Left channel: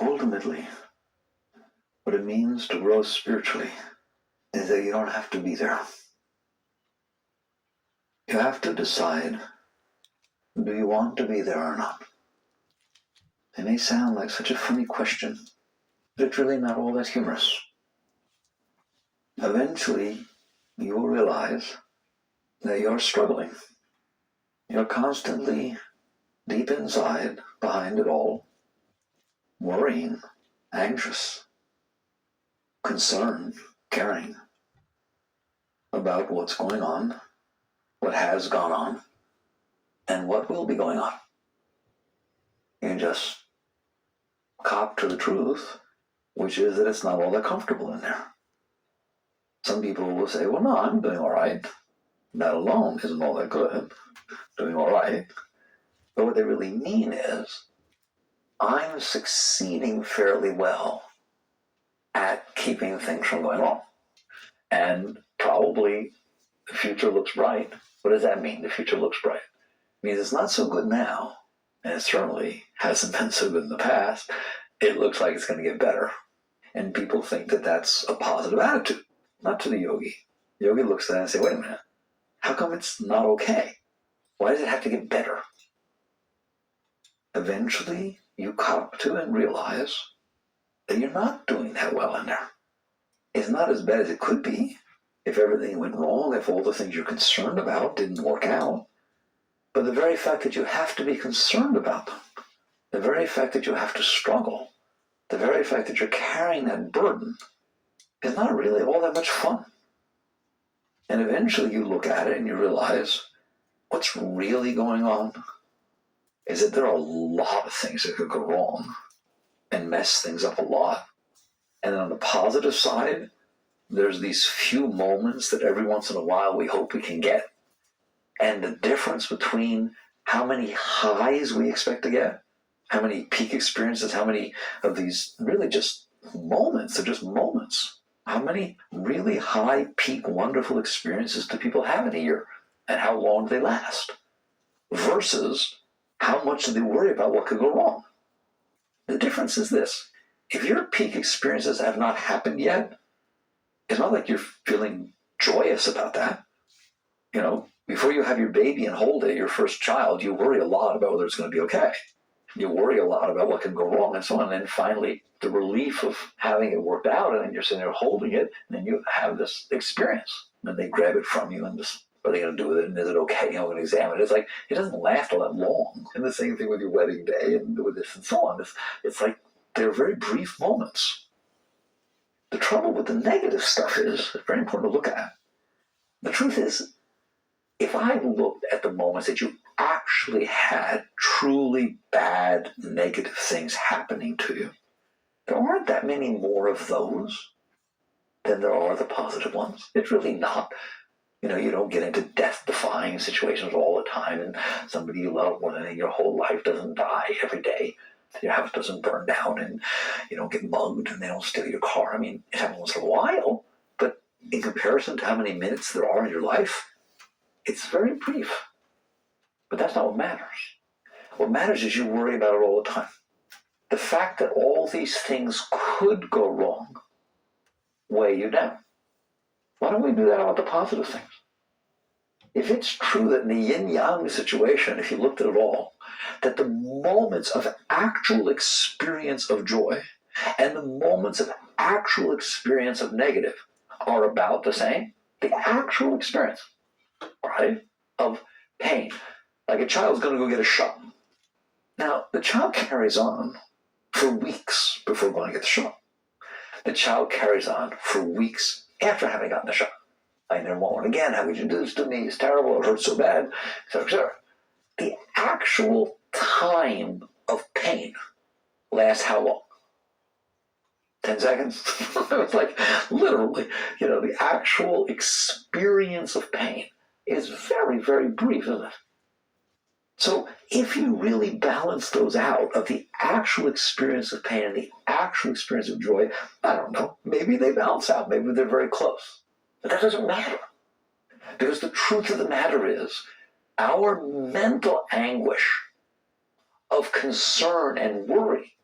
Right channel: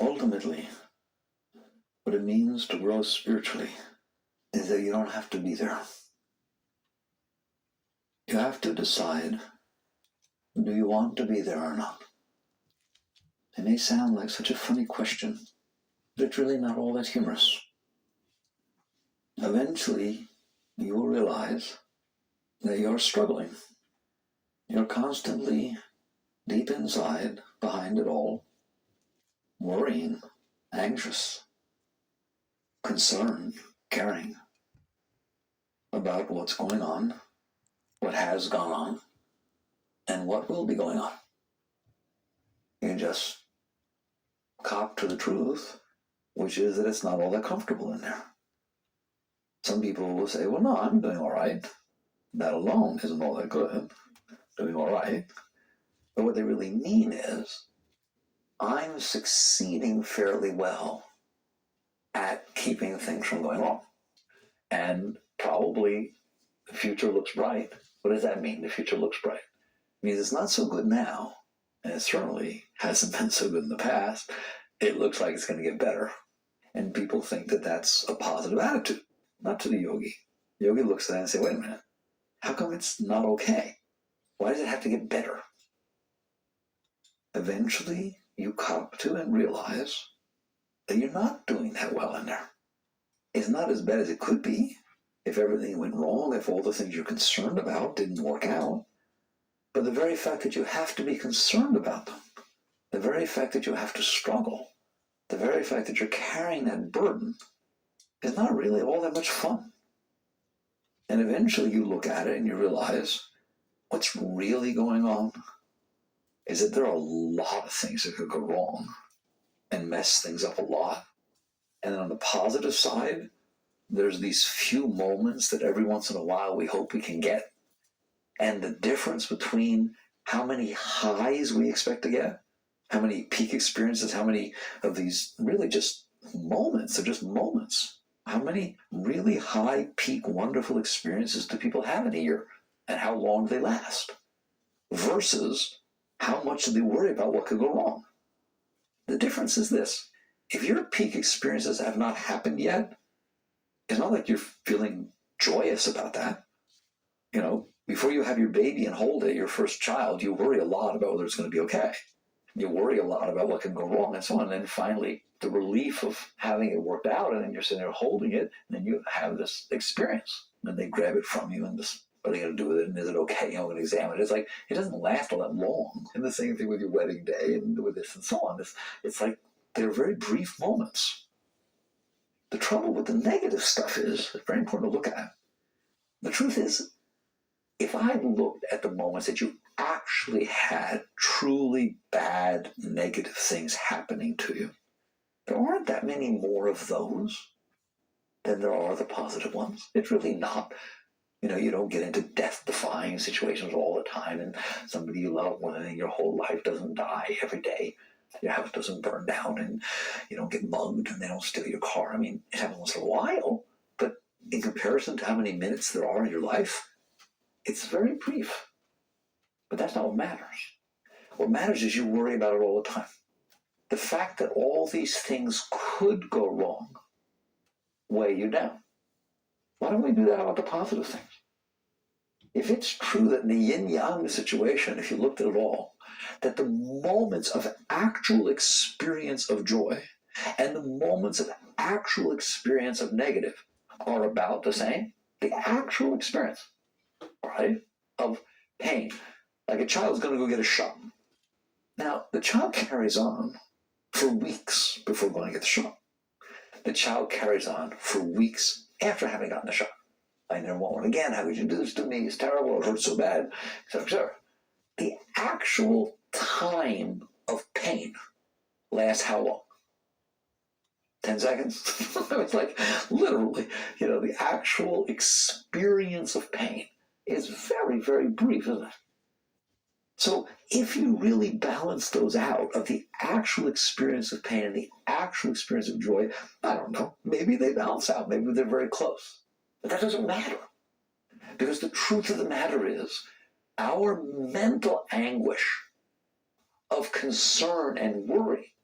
Ultimately, what it means to grow spiritually is that you don't have to be there. You have to decide, do you want to be there or not? It may sound like such a funny question, but it's really not all that humorous. Eventually, you will realize that you're struggling. You're constantly deep inside, behind it all, worrying, anxious, concerned, caring about what's going on, what has gone on, and what will be going on. You just cop to the truth, which is that it's not all that comfortable in there. Some people will say, well, no, I'm doing all right. That alone isn't all that good. Doing all right. But what they really mean is, I'm succeeding fairly well at keeping things from going wrong. And probably the future looks bright. What does that mean, the future looks bright? It means it's not so good now, and it certainly hasn't been so good in the past. It looks like it's going to get better. And people think that that's a positive attitude. Not to the yogi. The yogi looks at that and says, wait a minute, how come it's not okay? Why does it have to get better? Eventually, you cop to and realize that you're not doing that well in there. It's not as bad as it could be if everything went wrong, if all the things you're concerned about didn't work out. But the very fact that you have to be concerned about them, the very fact that you have to struggle, the very fact that you're carrying that burden is not really all that much fun. And eventually you look at it and you realize what's really going on is that there are a lot of things that could go wrong and mess things up a lot. And then on the positive side, there's these few moments that every once in a while we hope we can get. And the difference between how many highs we expect to get, how many peak experiences, how many of these really just moments, they're just moments. How many really high peak wonderful experiences do people have in a year? And how long do they last? Versus how much do they worry about what could go wrong? The difference is this. If your peak experiences have not happened yet, it's not like you're feeling joyous about that. You know, before you have your baby and hold it, your first child, you worry a lot about whether it's going to be okay. You worry a lot about what can go wrong and so on. And then finally, the relief of having it worked out, and then you're sitting there holding it, and then you have this experience. And they grab it from you and just, what are they going to do with it? And is it okay? I'm going to examine it. It's like, it doesn't last all that long. And the same thing with your wedding day and with this and so on. It's like, they're very brief moments. The trouble with the negative stuff is, it's very important to look at. The truth is, if I looked at the moments that you actually had truly bad, negative things happening to you, there aren't that many more of those than there are the positive ones. It's really not. You know, you don't get into death-defying situations all the time, and somebody you love more than your whole life doesn't die every day. Your house doesn't burn down, and you don't get mugged, and they don't steal your car. I mean, it happens once in a while, but in comparison to how many minutes there are in your life, it's very brief. But that's not what matters. What matters is you worry about it all the time. The fact that all these things could go wrong weigh you down. Why don't we do that about the positive things? If it's true that in the yin-yang situation, if you looked at it all, that the moments of actual experience of joy and the moments of actual experience of negative are about the same, the actual experience, right, of pain. Like a child's going to go get a shot. Now, the child carries on for weeks before going to get the shot. The child carries on for weeks after having gotten the shot. I never want one again. How could you do this to me? It's terrible. It hurts so bad, etc., etc. The actual time of pain lasts how long? 10 seconds? It's like literally, the actual experience of pain is very, very brief, isn't it? So if you really balance those out of the actual experience of pain and the actual experience of joy, I don't know, maybe they balance out, maybe they're very close. But that doesn't matter. Because the truth of the matter is, our mental anguish of concern and worry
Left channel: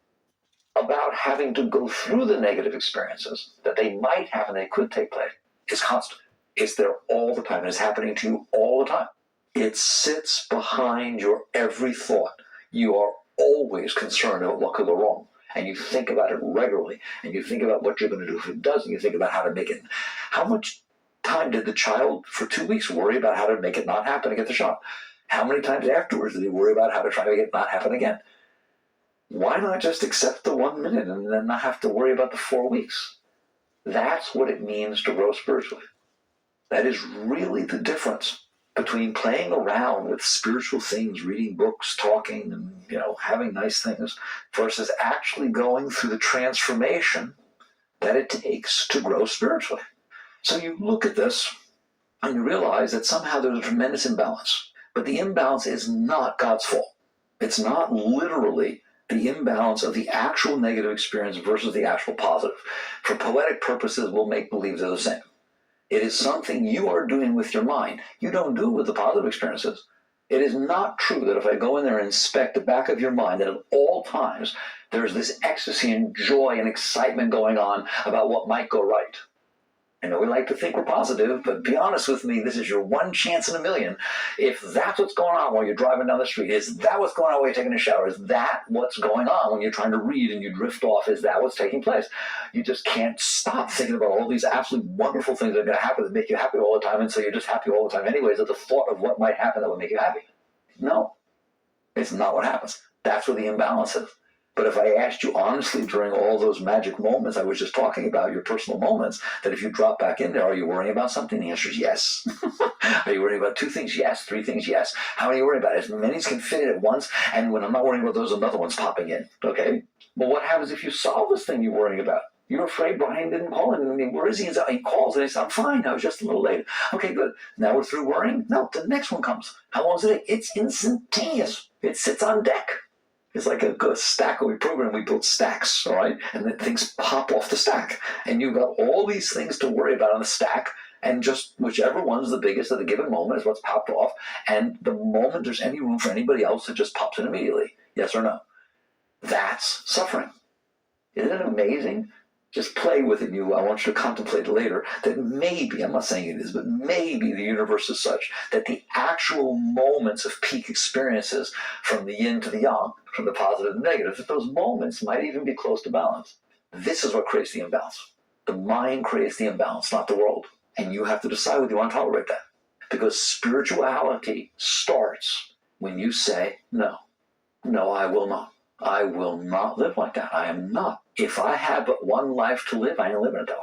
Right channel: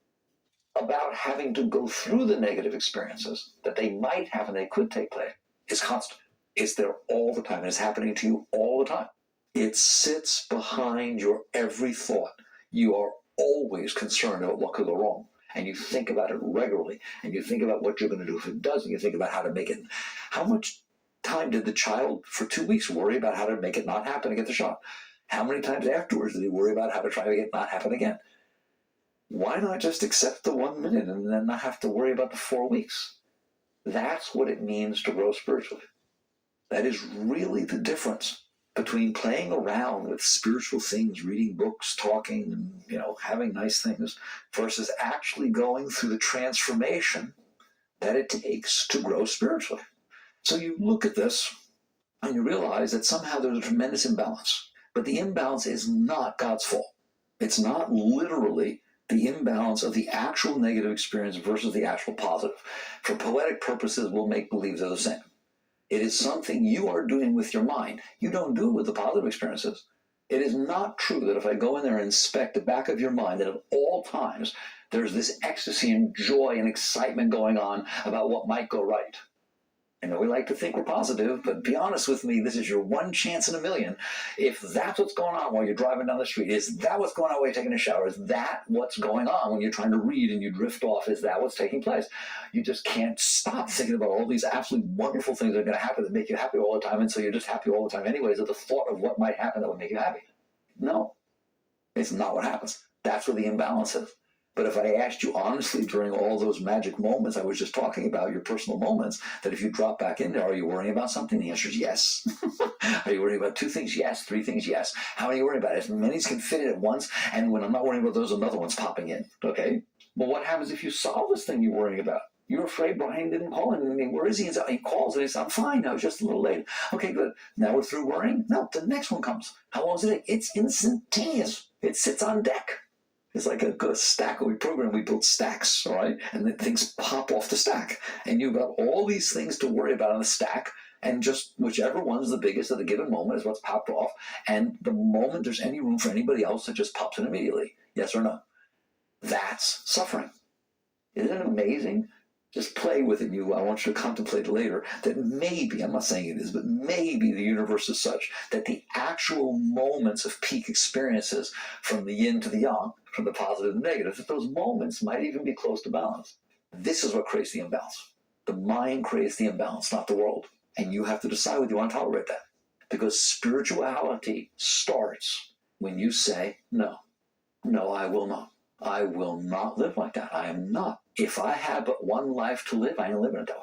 about having to go through the negative experiences that they might have and they could take place is constant. It's there all the time. And it's happening to you all the time. It sits behind your every thought. You are always concerned about what could go wrong. And you think about it regularly. And you think about what you're going to do if it doesn't. You think about how to make it. How much time did the child for 2 weeks worry about how to make it not happen and get the shot? How many times afterwards did he worry about how to try to make it not happen again? Why not just accept the 1 minute and then not have to worry about the 4 weeks? That's what it means to grow spiritually. That is really the difference between playing around with spiritual things, reading books, talking, and having nice things, versus actually going through the transformation that it takes to grow spiritually. So you look at this and you realize that somehow there's a tremendous imbalance. But the imbalance is not God's fault. It's not literally the imbalance of the actual negative experience versus the actual positive. For poetic purposes, we'll make believe they're the same. It is something you are doing with your mind. You don't do it with the positive experiences. It is not true that if I go in there and inspect the back of your mind, that at all times there's this ecstasy and joy and excitement going on about what might go right. I know we like to think we're positive, but be honest with me, this is your one chance in a million. If that's what's going on while you're driving down the street, is that what's going on while you're taking a shower? Is that what's going on when you're trying to read and you drift off? Is that what's taking place? You just can't stop thinking about all these absolutely wonderful things that are going to happen that make you happy all the time, and so you're just happy all the time anyways at the thought of what might happen that would make you happy. No, it's not what happens. That's where the imbalance is. But if I asked you honestly during all those magic moments I was just talking about, your personal moments, that if you drop back in there, are you worrying about something? The answer is yes. Are you worrying about 2 things? Yes. 3 things? Yes. How many are you worrying about? As many as can fit in at once, and when I'm not worrying about those, another one's popping in, okay? But what happens if you solve this thing you're worrying about? You're afraid Brian didn't call him. I mean, where is he? He calls and he says, I'm fine. I was just a little late. Okay, good. Now we're through worrying? No, the next one comes. How long is it? It's instantaneous. It sits on deck. It's like a stack. We build stacks, all right? And then things pop off the stack. And you've got all these things to worry about on the stack, and just whichever one's the biggest at a given moment is what's popped off. And the moment there's any room for anybody else, it just pops in immediately. Yes or no? That's suffering. Isn't it amazing? Just play with it. I want you to contemplate later that maybe, I'm not saying it is, but maybe the universe is such that the actual moments of peak experiences from the yin to the yang, from the positive to the negative, that those moments might even be close to balance. This is what creates the imbalance. The mind creates the imbalance, not the world. And you have to decide whether you want to tolerate that. Because spirituality starts when you say, no, I will not. I will not live like that. I am not. If I have but one life to live, I ain't living it that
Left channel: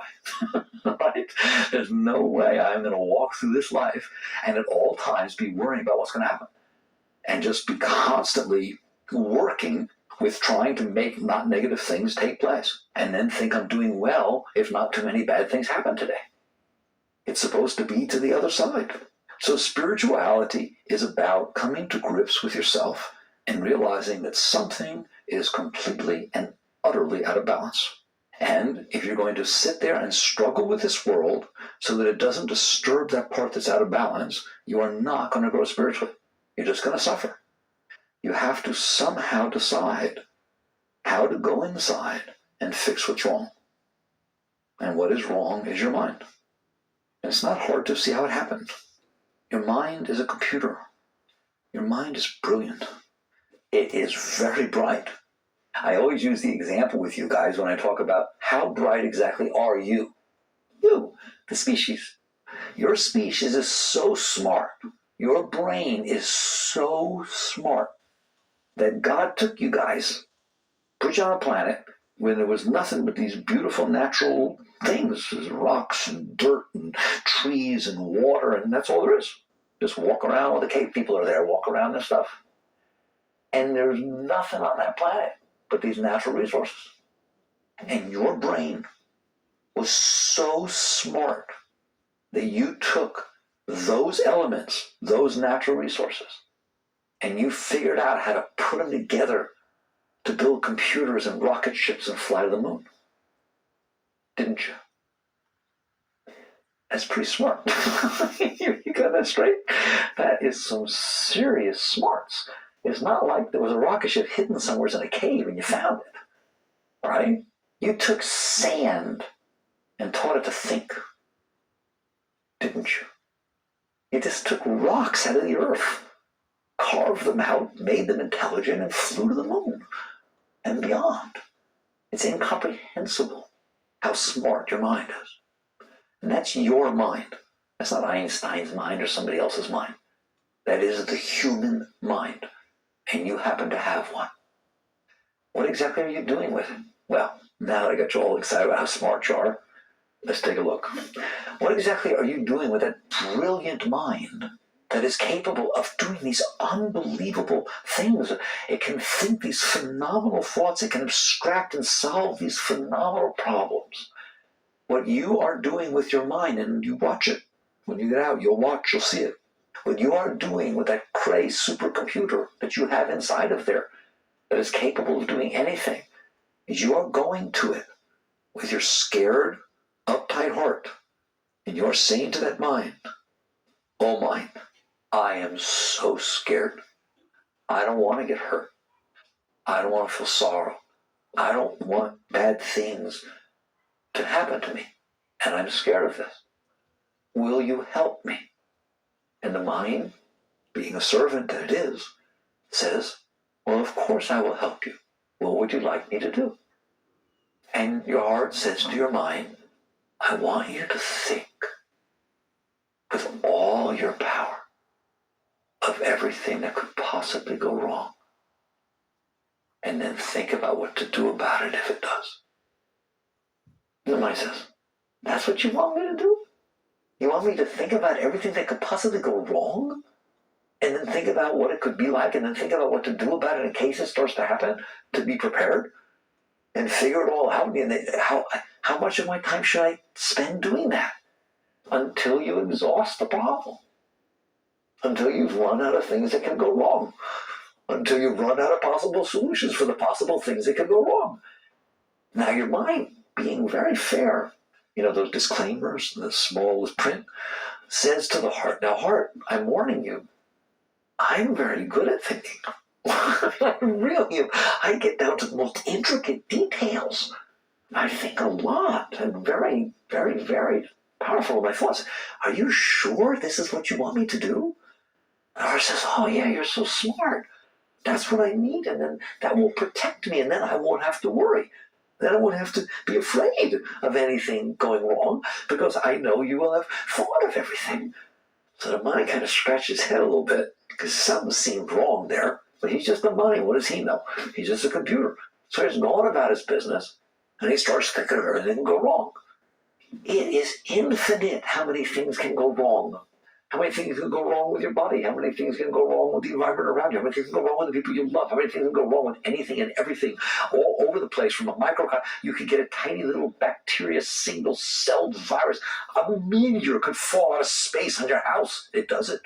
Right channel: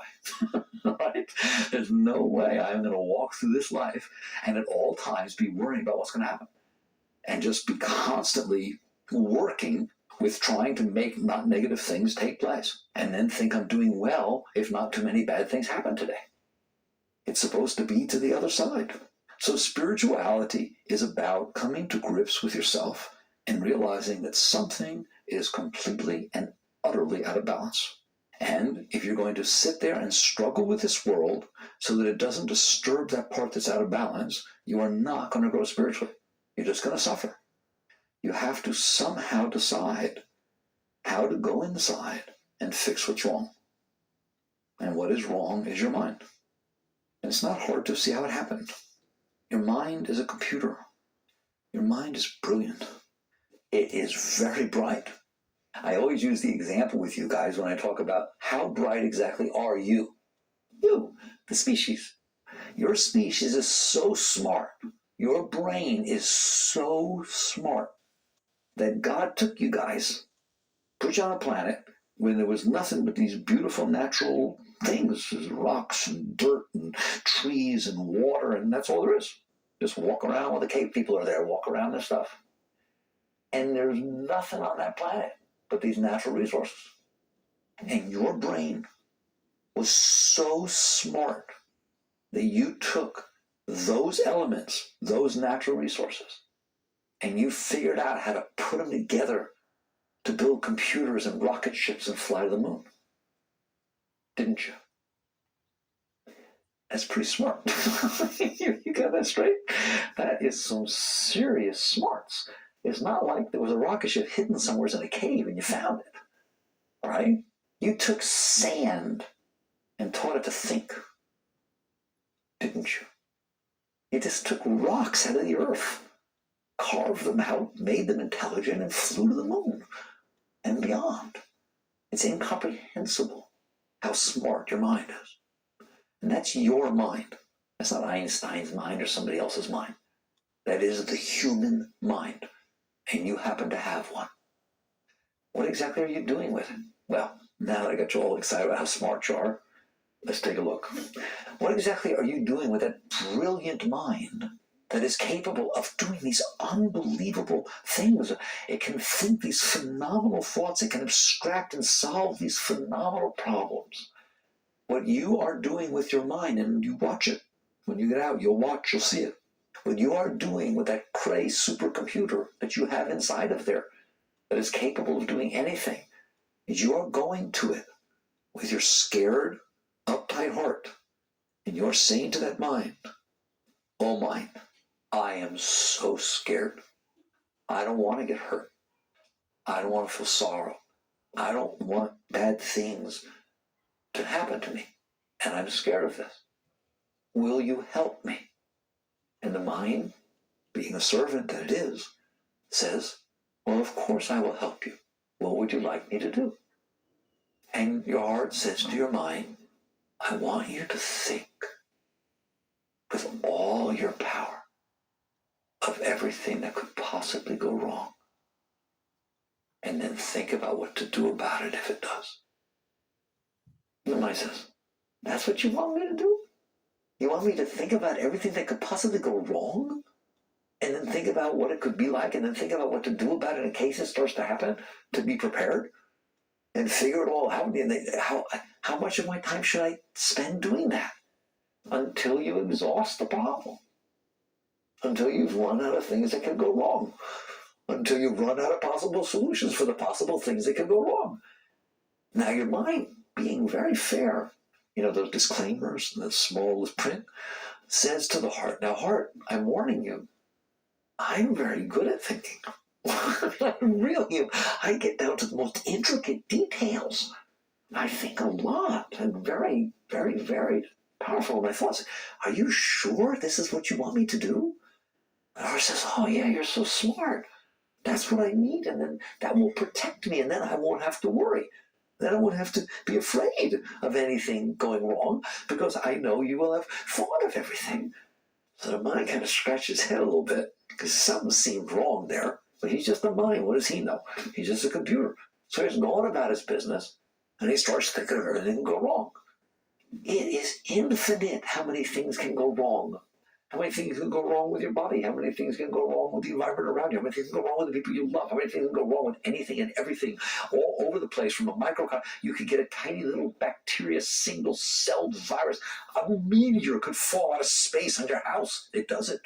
way. Right? There's no way I'm going to walk through this life and at all times be worrying about what's going to happen. And just be constantly working with trying to make not negative things take place. And then think I'm doing well if not too many bad things happen today. It's supposed to be to the other side. So spirituality is about coming to grips with yourself and realizing that something is completely and utterly out of balance. And if you're going to sit there and struggle with this world so that it doesn't disturb that part that's out of balance, you are not going to grow spiritually. You're just going to suffer. You have to somehow decide how to go inside and fix what's wrong. And what is wrong is your mind. And it's not hard to see how it happens. Your mind is a computer. Your mind is brilliant. It is very bright. I always use the example with you guys when I talk about how bright exactly are you? You, the species. Your species is so smart. Your brain is so smart that God took you guys, put you on a planet when there was nothing but these beautiful natural things, rocks and dirt and trees and water, and that's all there is. Just walk around. Well, the cave people are there, walk around and stuff. And there's nothing on that planet but these natural resources. And your brain was so smart that you took those elements, those natural resources, and you figured out how to put them together to build computers and rocket ships and fly to the moon. Didn't you? That's pretty smart. You got that straight? That is some serious smarts. It's not like there was a rocket ship hidden somewhere in a cave and you found it. right? You took sand and taught it to think, didn't you? You just took rocks out of the earth, carved them out, made them intelligent, and flew to the moon and beyond. It's incomprehensible how smart your mind is. And that's your mind. That's not Einstein's mind or somebody else's mind. That is the human mind. And you happen to have one. What exactly are you doing with it? Well, now that I got you all excited about how smart you are, let's take a look. What exactly are you doing with that brilliant mind that is capable of doing these unbelievable things? It can think these phenomenal thoughts. It can abstract and solve these phenomenal problems. What you are doing with your mind, and you watch it. When you get out, you'll watch, you'll see it. What you are doing with that Cray supercomputer that you have inside of there that is capable of doing anything is you are going to it with your scared, uptight heart, and you're saying to that mind, oh mind, I am so scared. I don't want to get hurt. I don't want to feel sorrow. I don't want bad things to happen to me. And I'm scared of this. Will you help me? And the mind, being a servant that it is, says, well, of course I will help you. What would you like me to do? And your heart says to your mind, I want you to think with all your power of everything that could possibly go wrong. And then think about what to do about it if it does. And the mind says, that's what you want me to do? You want me to think about everything that could possibly go wrong? And then think about what it could be like, and then think about what to do about it in case it starts to happen, to be prepared? And figure it all out? And how much of my time should I spend doing that? Until you exhaust the problem. Until you've run out of things that can go wrong. Until you run out of possible solutions for the possible things that can go wrong. Now your mind, being very fair, those disclaimers, the smallest print, says to the heart, now heart, I'm warning you, I'm very good at thinking. I really am. I get down to the most intricate details. I think a lot. I'm very, very, very powerful in my thoughts. Are you sure this is what you want me to do? And the heart says, oh yeah, you're so smart. That's what I need, and then that will protect me, and then I won't have to worry. Then I won't have to be afraid of anything going wrong, because I know you will have thought of everything. So the mind kind of scratches his head a little bit, because something seemed wrong there. But he's just a mind. What does he know? He's just a computer. So he's gnawing about his business, and he starts thinking of everything that can go wrong. It is infinite how many things can go wrong. How many things can go wrong with your body? How many things can go wrong with the environment around you? How many things can go wrong with the people you love? How many things can go wrong with anything and everything all over the place? From a microcosm, you could get a tiny little bacteria, single-celled virus. A meteor could fall out of space on your house. It doesn't.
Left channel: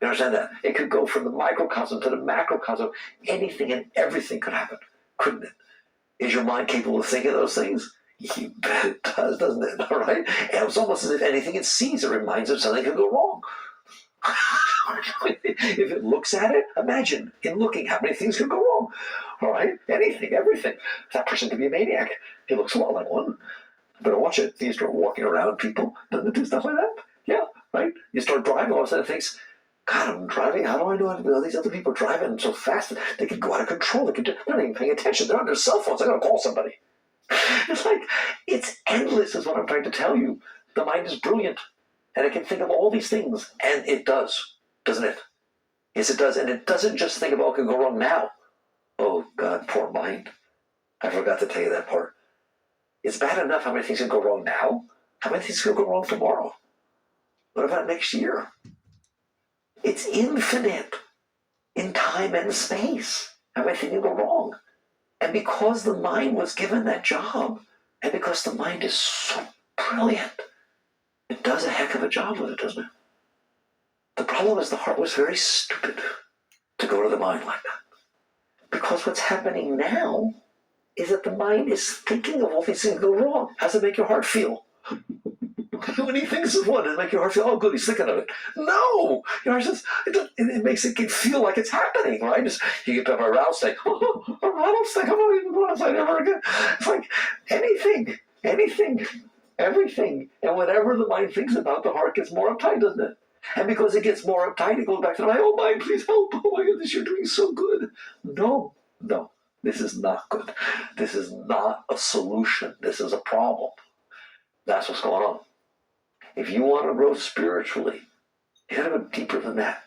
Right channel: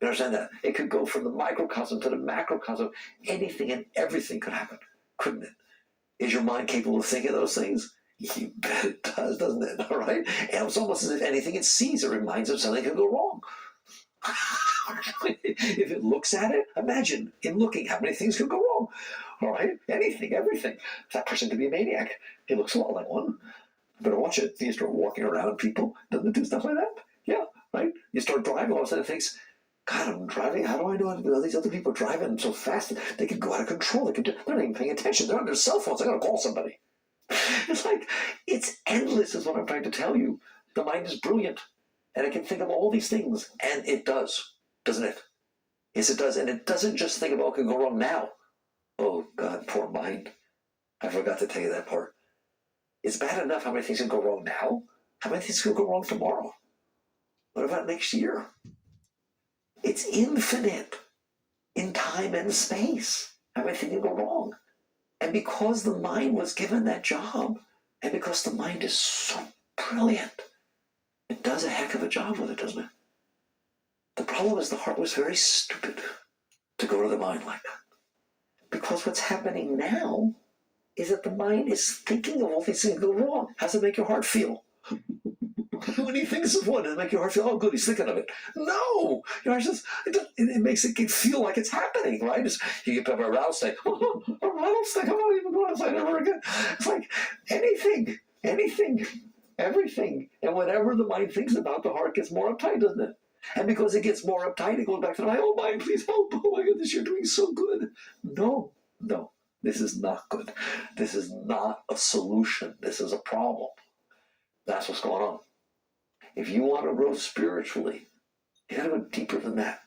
You understand that? It could go from the microcosm to the macrocosm. Anything and everything could happen, couldn't it? Is your mind capable of thinking those things? You bet it does, doesn't it? All right? And it's almost as if anything it sees, it reminds it of something could go wrong. If it looks at it, imagine in looking how many things could go wrong. All right? Anything, everything. That person could be a maniac. He looks a lot like one. Better watch it. You start walking around people, doesn't it do stuff like that? Yeah, right? You start driving, all of a sudden it thinks, God, I'm driving. How do I know how to do all these other people driving so fast? They can go out of control. They're not even paying attention. They're on their cell phones. I gotta call somebody. It's like, it's endless is what I'm trying to tell you. The mind is brilliant. And it can think of all these things. And it does. Doesn't it? Yes, it does. And it doesn't just think about what can go wrong now. Oh, God, poor mind. I forgot to tell you that part. It's bad enough how many things can go wrong now. How many things can go wrong tomorrow? What about next year? It's infinite in time and space. How many things can go wrong? And because the mind was given that job, and because the mind is so brilliant, it does a heck of a job with it, doesn't it? The problem is the heart was very stupid to go to the mind like that. Because what's happening now is that the mind is thinking of all these things that go wrong. How does it make your heart feel? When he thinks of one, it makes your heart feel, oh, good, he's thinking of it. No! Your heart says, it makes it feel like it's happening, right? You get up a rattlesnake. Oh, a rattlesnake, I'm not even going outside ever again. It's like anything, everything. And whatever the mind thinks about, the heart gets more uptight, doesn't it? And because it gets more uptight, it goes back to the mind, oh, mind, please help. Oh, my goodness, you're doing so good. No. This is not good. This is not a solution. This is a problem. That's what's going on. If you want to grow spiritually, you got to go deeper than that.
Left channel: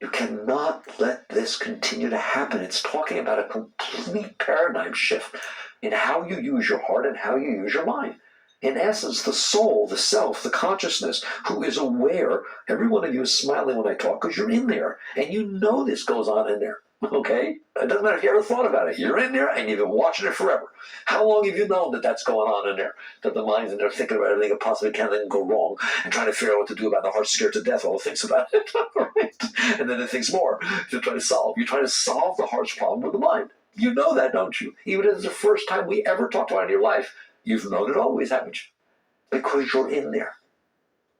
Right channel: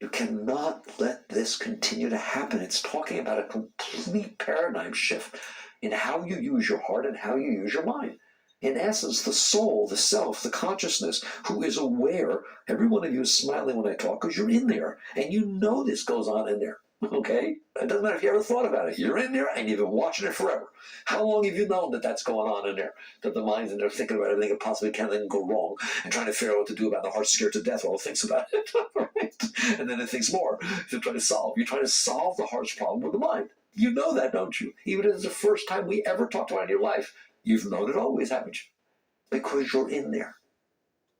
You cannot let this continue to happen. It's talking about a complete paradigm shift in how you use your heart and how you use your mind. In essence, the soul, the self, the consciousness, who is aware, every one of you is smiling when I talk because you're in there and you know this goes on in there. Okay? It doesn't matter if you ever thought about it. You're in there and you've been watching it forever. How long have you known that that's going on in there? That the mind's in there thinking about everything it possibly can, then go wrong, and trying to figure out what to do about it. The heart's scared to death while it thinks about it. Right? And then it thinks more to try to solve. You're trying to solve the heart's problem with the mind. You know that, don't you? Even if it's the first time we ever talked about it in your life, you've known it always, haven't you? Because you're in there.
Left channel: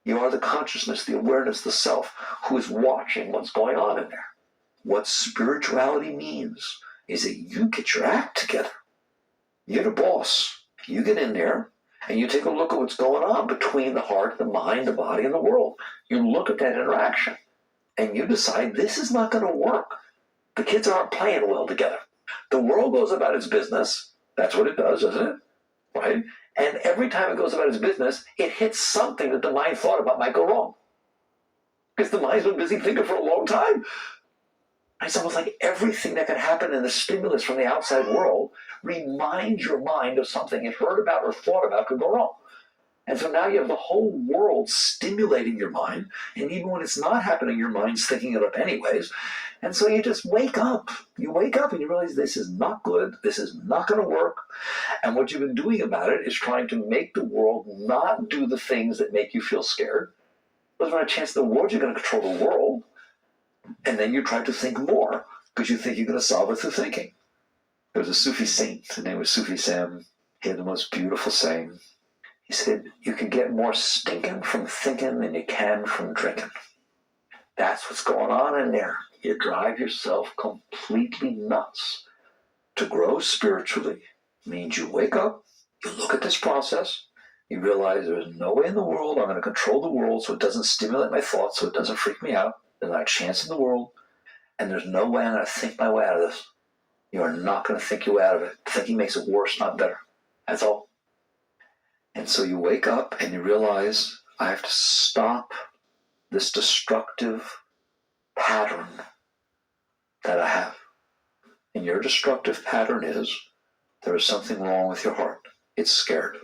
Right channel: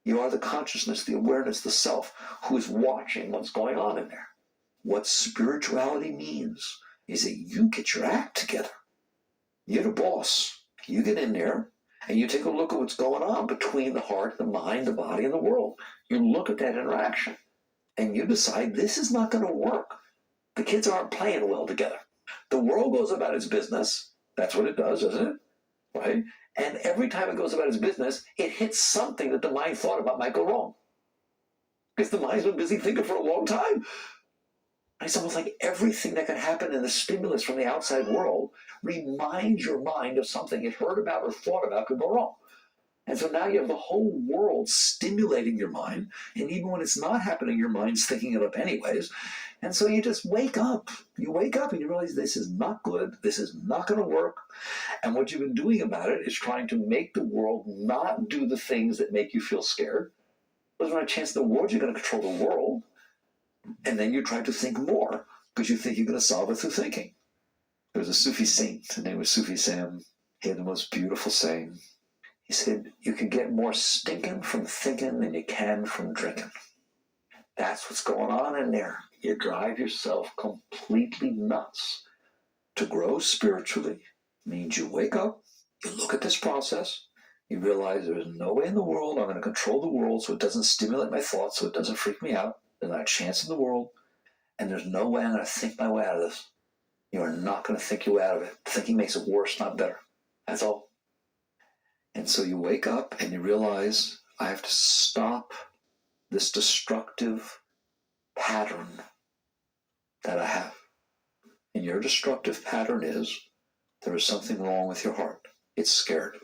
You are the consciousness, the awareness, the self, who is watching what's going on in there. What spirituality means is that you get your act together. You're the boss. You get in there and you take a look at what's going on between the heart, the mind, the body, and the world. You look at that interaction and you decide this is not going to work. The kids aren't playing well together. The world goes about its business. That's what it does, doesn't it? Right? And every time it goes about its business, it hits something that the mind thought about might go wrong. Because the mind's been busy thinking for a long time. It's almost like everything that can happen in the stimulus from the outside world reminds your mind of something it heard about or thought about could go wrong. And so now you have the whole world stimulating your mind, and even when it's not happening, your mind's thinking it up anyways. And so you just wake up. You wake up and you realize this is not good, this is not going to work. And what you've been doing about it is trying to make the world not do the things that make you feel scared. There's not a chance in the world you're going to control the world. And then you try to think more because you think you're going to solve it through thinking. There was a Sufi saint, his name was Sufi Sam. He had the most beautiful saying. He said, you can get more stinking from thinking than you can from drinking. That's what's going on in there. You drive yourself completely nuts. To grow spiritually means you wake up, you look at this process, you realize there's no way in the world I'm going to control the world so it doesn't stimulate my thoughts, so it doesn't freak me out. There's not a chance in the world, and there's no way I'm going to think my way out of this. You are not going to think your way out of it. Thinking makes it worse, not better. That's all. And so you wake up and you realize, I have to stop this destructive pattern that I have. And your destructive pattern is, there is something wrong with your heart. It's scared.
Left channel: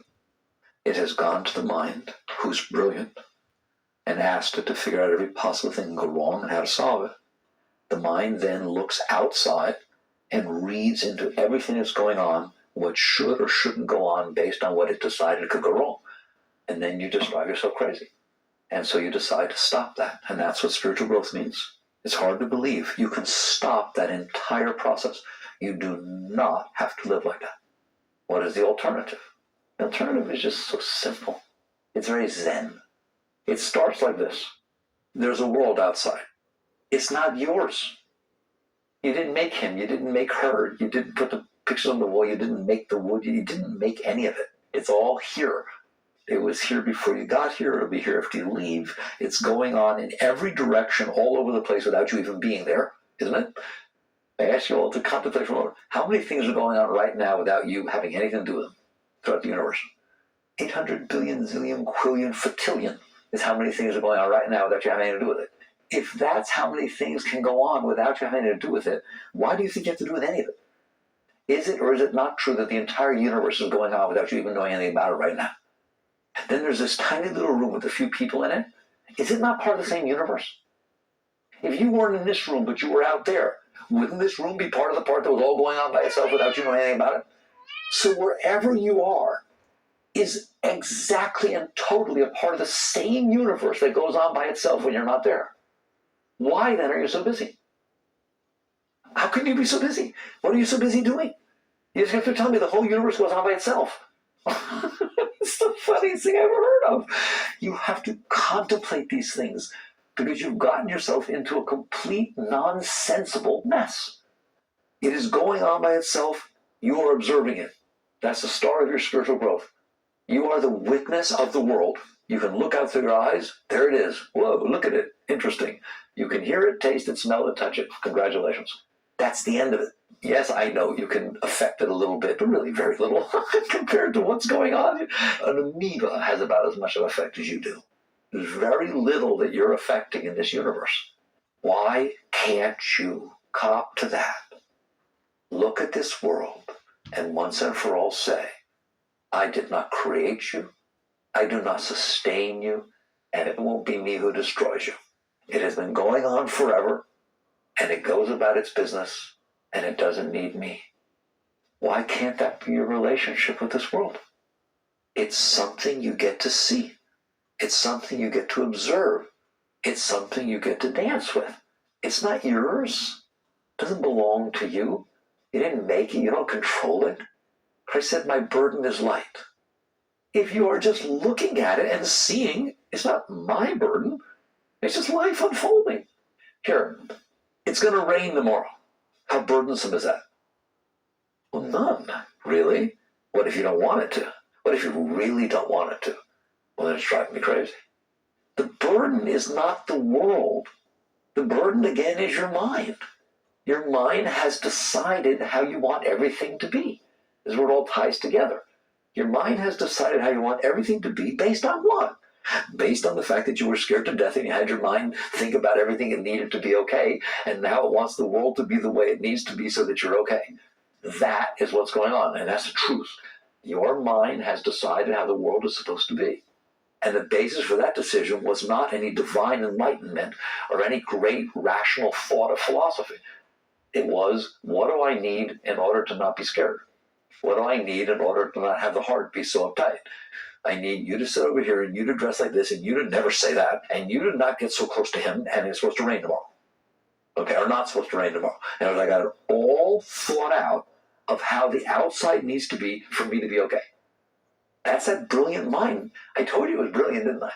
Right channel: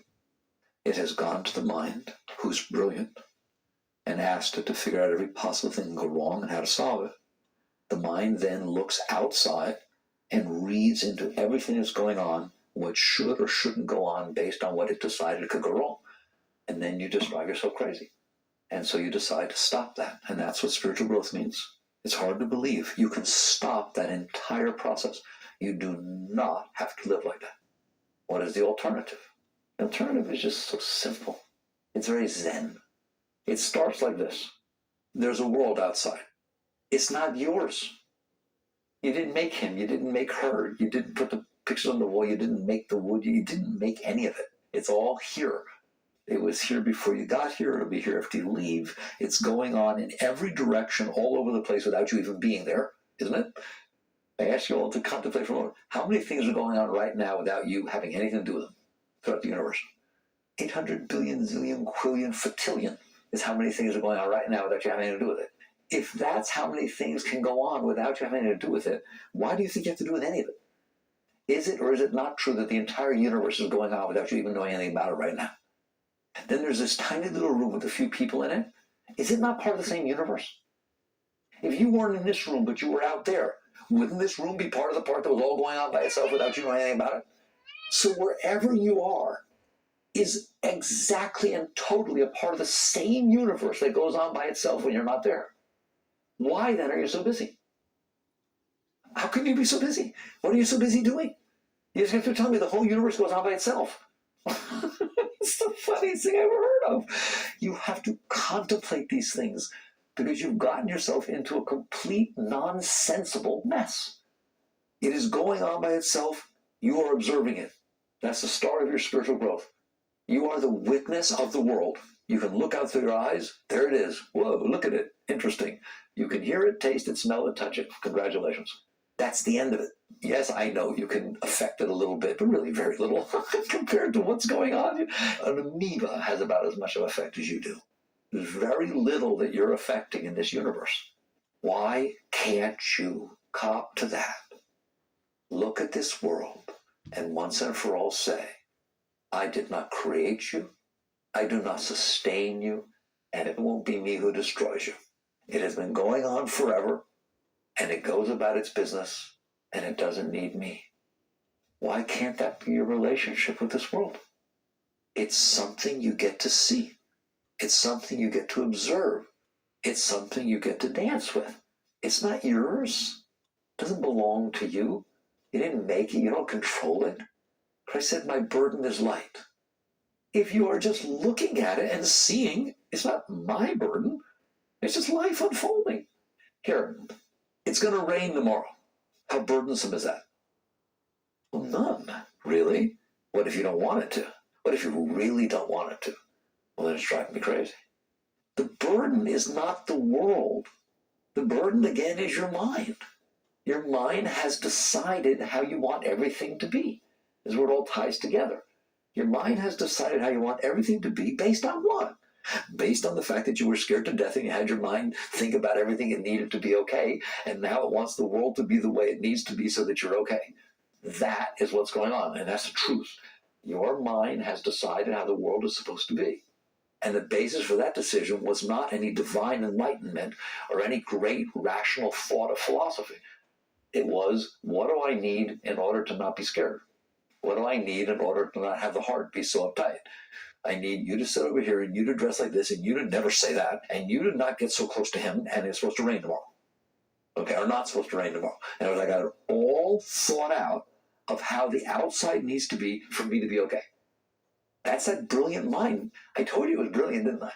It has gone to the mind, who's brilliant, and asked it to figure out every possible thing that can go wrong and how to solve it. The mind then looks outside and reads into everything that's going on, what should or shouldn't go on based on what it decided could go wrong. And then you just drive yourself crazy. And so you decide to stop that. And that's what spiritual growth means. It's hard to believe. You can stop that entire process. You do not have to live like that. What is the alternative? The alternative is just so simple. It's very zen. It starts like this. There's a world outside. It's not yours. You didn't make him. You didn't make her. You didn't put the pictures on the wall. You didn't make the wood. You didn't make any of it. It's all here. It was here before you got here. It'll be here after you leave. It's going on in every direction, all over the place without you even being there, isn't it? I ask you all to contemplate for a moment. How many things are going on right now without you having anything to do with them throughout the universe? 800 billion, zillion, quillion, fatillion is how many things are going on right now without you having anything to do with it. If that's how many things can go on without you having anything to do with it, why do you think you have to do with any of it? Is it or is it not true that the entire universe is going on without you even knowing anything about it right now? And then there's this tiny little room with a few people in it. Is it not part of the same universe? If you weren't in this room but you were out there, wouldn't this room be part of the part that was all going on by itself without you knowing anything about it? So wherever you are is exactly and totally a part of the same universe that goes on by itself when you're not there. Why then are you so busy? How can you be so busy? What are you so busy doing? You just have to tell me the whole universe goes on by itself. It's the funniest thing I've ever heard of. You have to contemplate these things because you've gotten yourself into a complete nonsensible mess. It is going on by itself. You are observing it. That's the start of your spiritual growth. You are the witness of the world. You can look out through your eyes. There it is. Whoa, look at it. Interesting. You can hear it, taste it, smell it, touch it. Congratulations. That's the end of it. Yes, I know you can affect it a little bit, but really very little compared to what's going on. An amoeba has about as much of an effect as you do. There's very little that you're affecting in this universe. Why can't you cop to that? Look at this world and once and for all say, I did not create you, I do not sustain you, and it won't be me who destroys you. It has been going on forever, and it goes about its business, and it doesn't need me. Why can't that be your relationship with this world? It's something you get to see. It's something you get to observe. It's something you get to dance with. It's not yours. It doesn't belong to you. You didn't make it. You don't control it. Christ said, my burden is light. If you are just looking at it and seeing, it's not my burden. It's just life unfolding. Here, it's going to rain tomorrow. How burdensome is that? Well, none, really. What if you don't want it to? What if you really don't want it to? Well, then it's driving me crazy. The burden is not the world. The burden, again, is your mind. Your mind has decided how you want everything to be. This is where it all ties together. Your mind has decided how you want everything to be based on what? Based on the fact that you were scared to death and you had your mind think about everything it needed to be okay, and now it wants the world to be the way it needs to be so that you're okay. That is what's going on, and that's the truth. Your mind has decided how the world is supposed to be. And the basis for that decision was not any divine enlightenment or any great rational thought of philosophy. It was, what do I need in order to not be scared? What do I need in order to not have the heart be so uptight? I need you to sit over here and you to dress like this and you to never say that and you to not get so close to him and it's supposed to rain tomorrow. Okay, or not supposed to rain tomorrow. And I got it all thought out of how the outside needs to be for me to be okay. That's that brilliant mind. I told you it was brilliant, didn't I?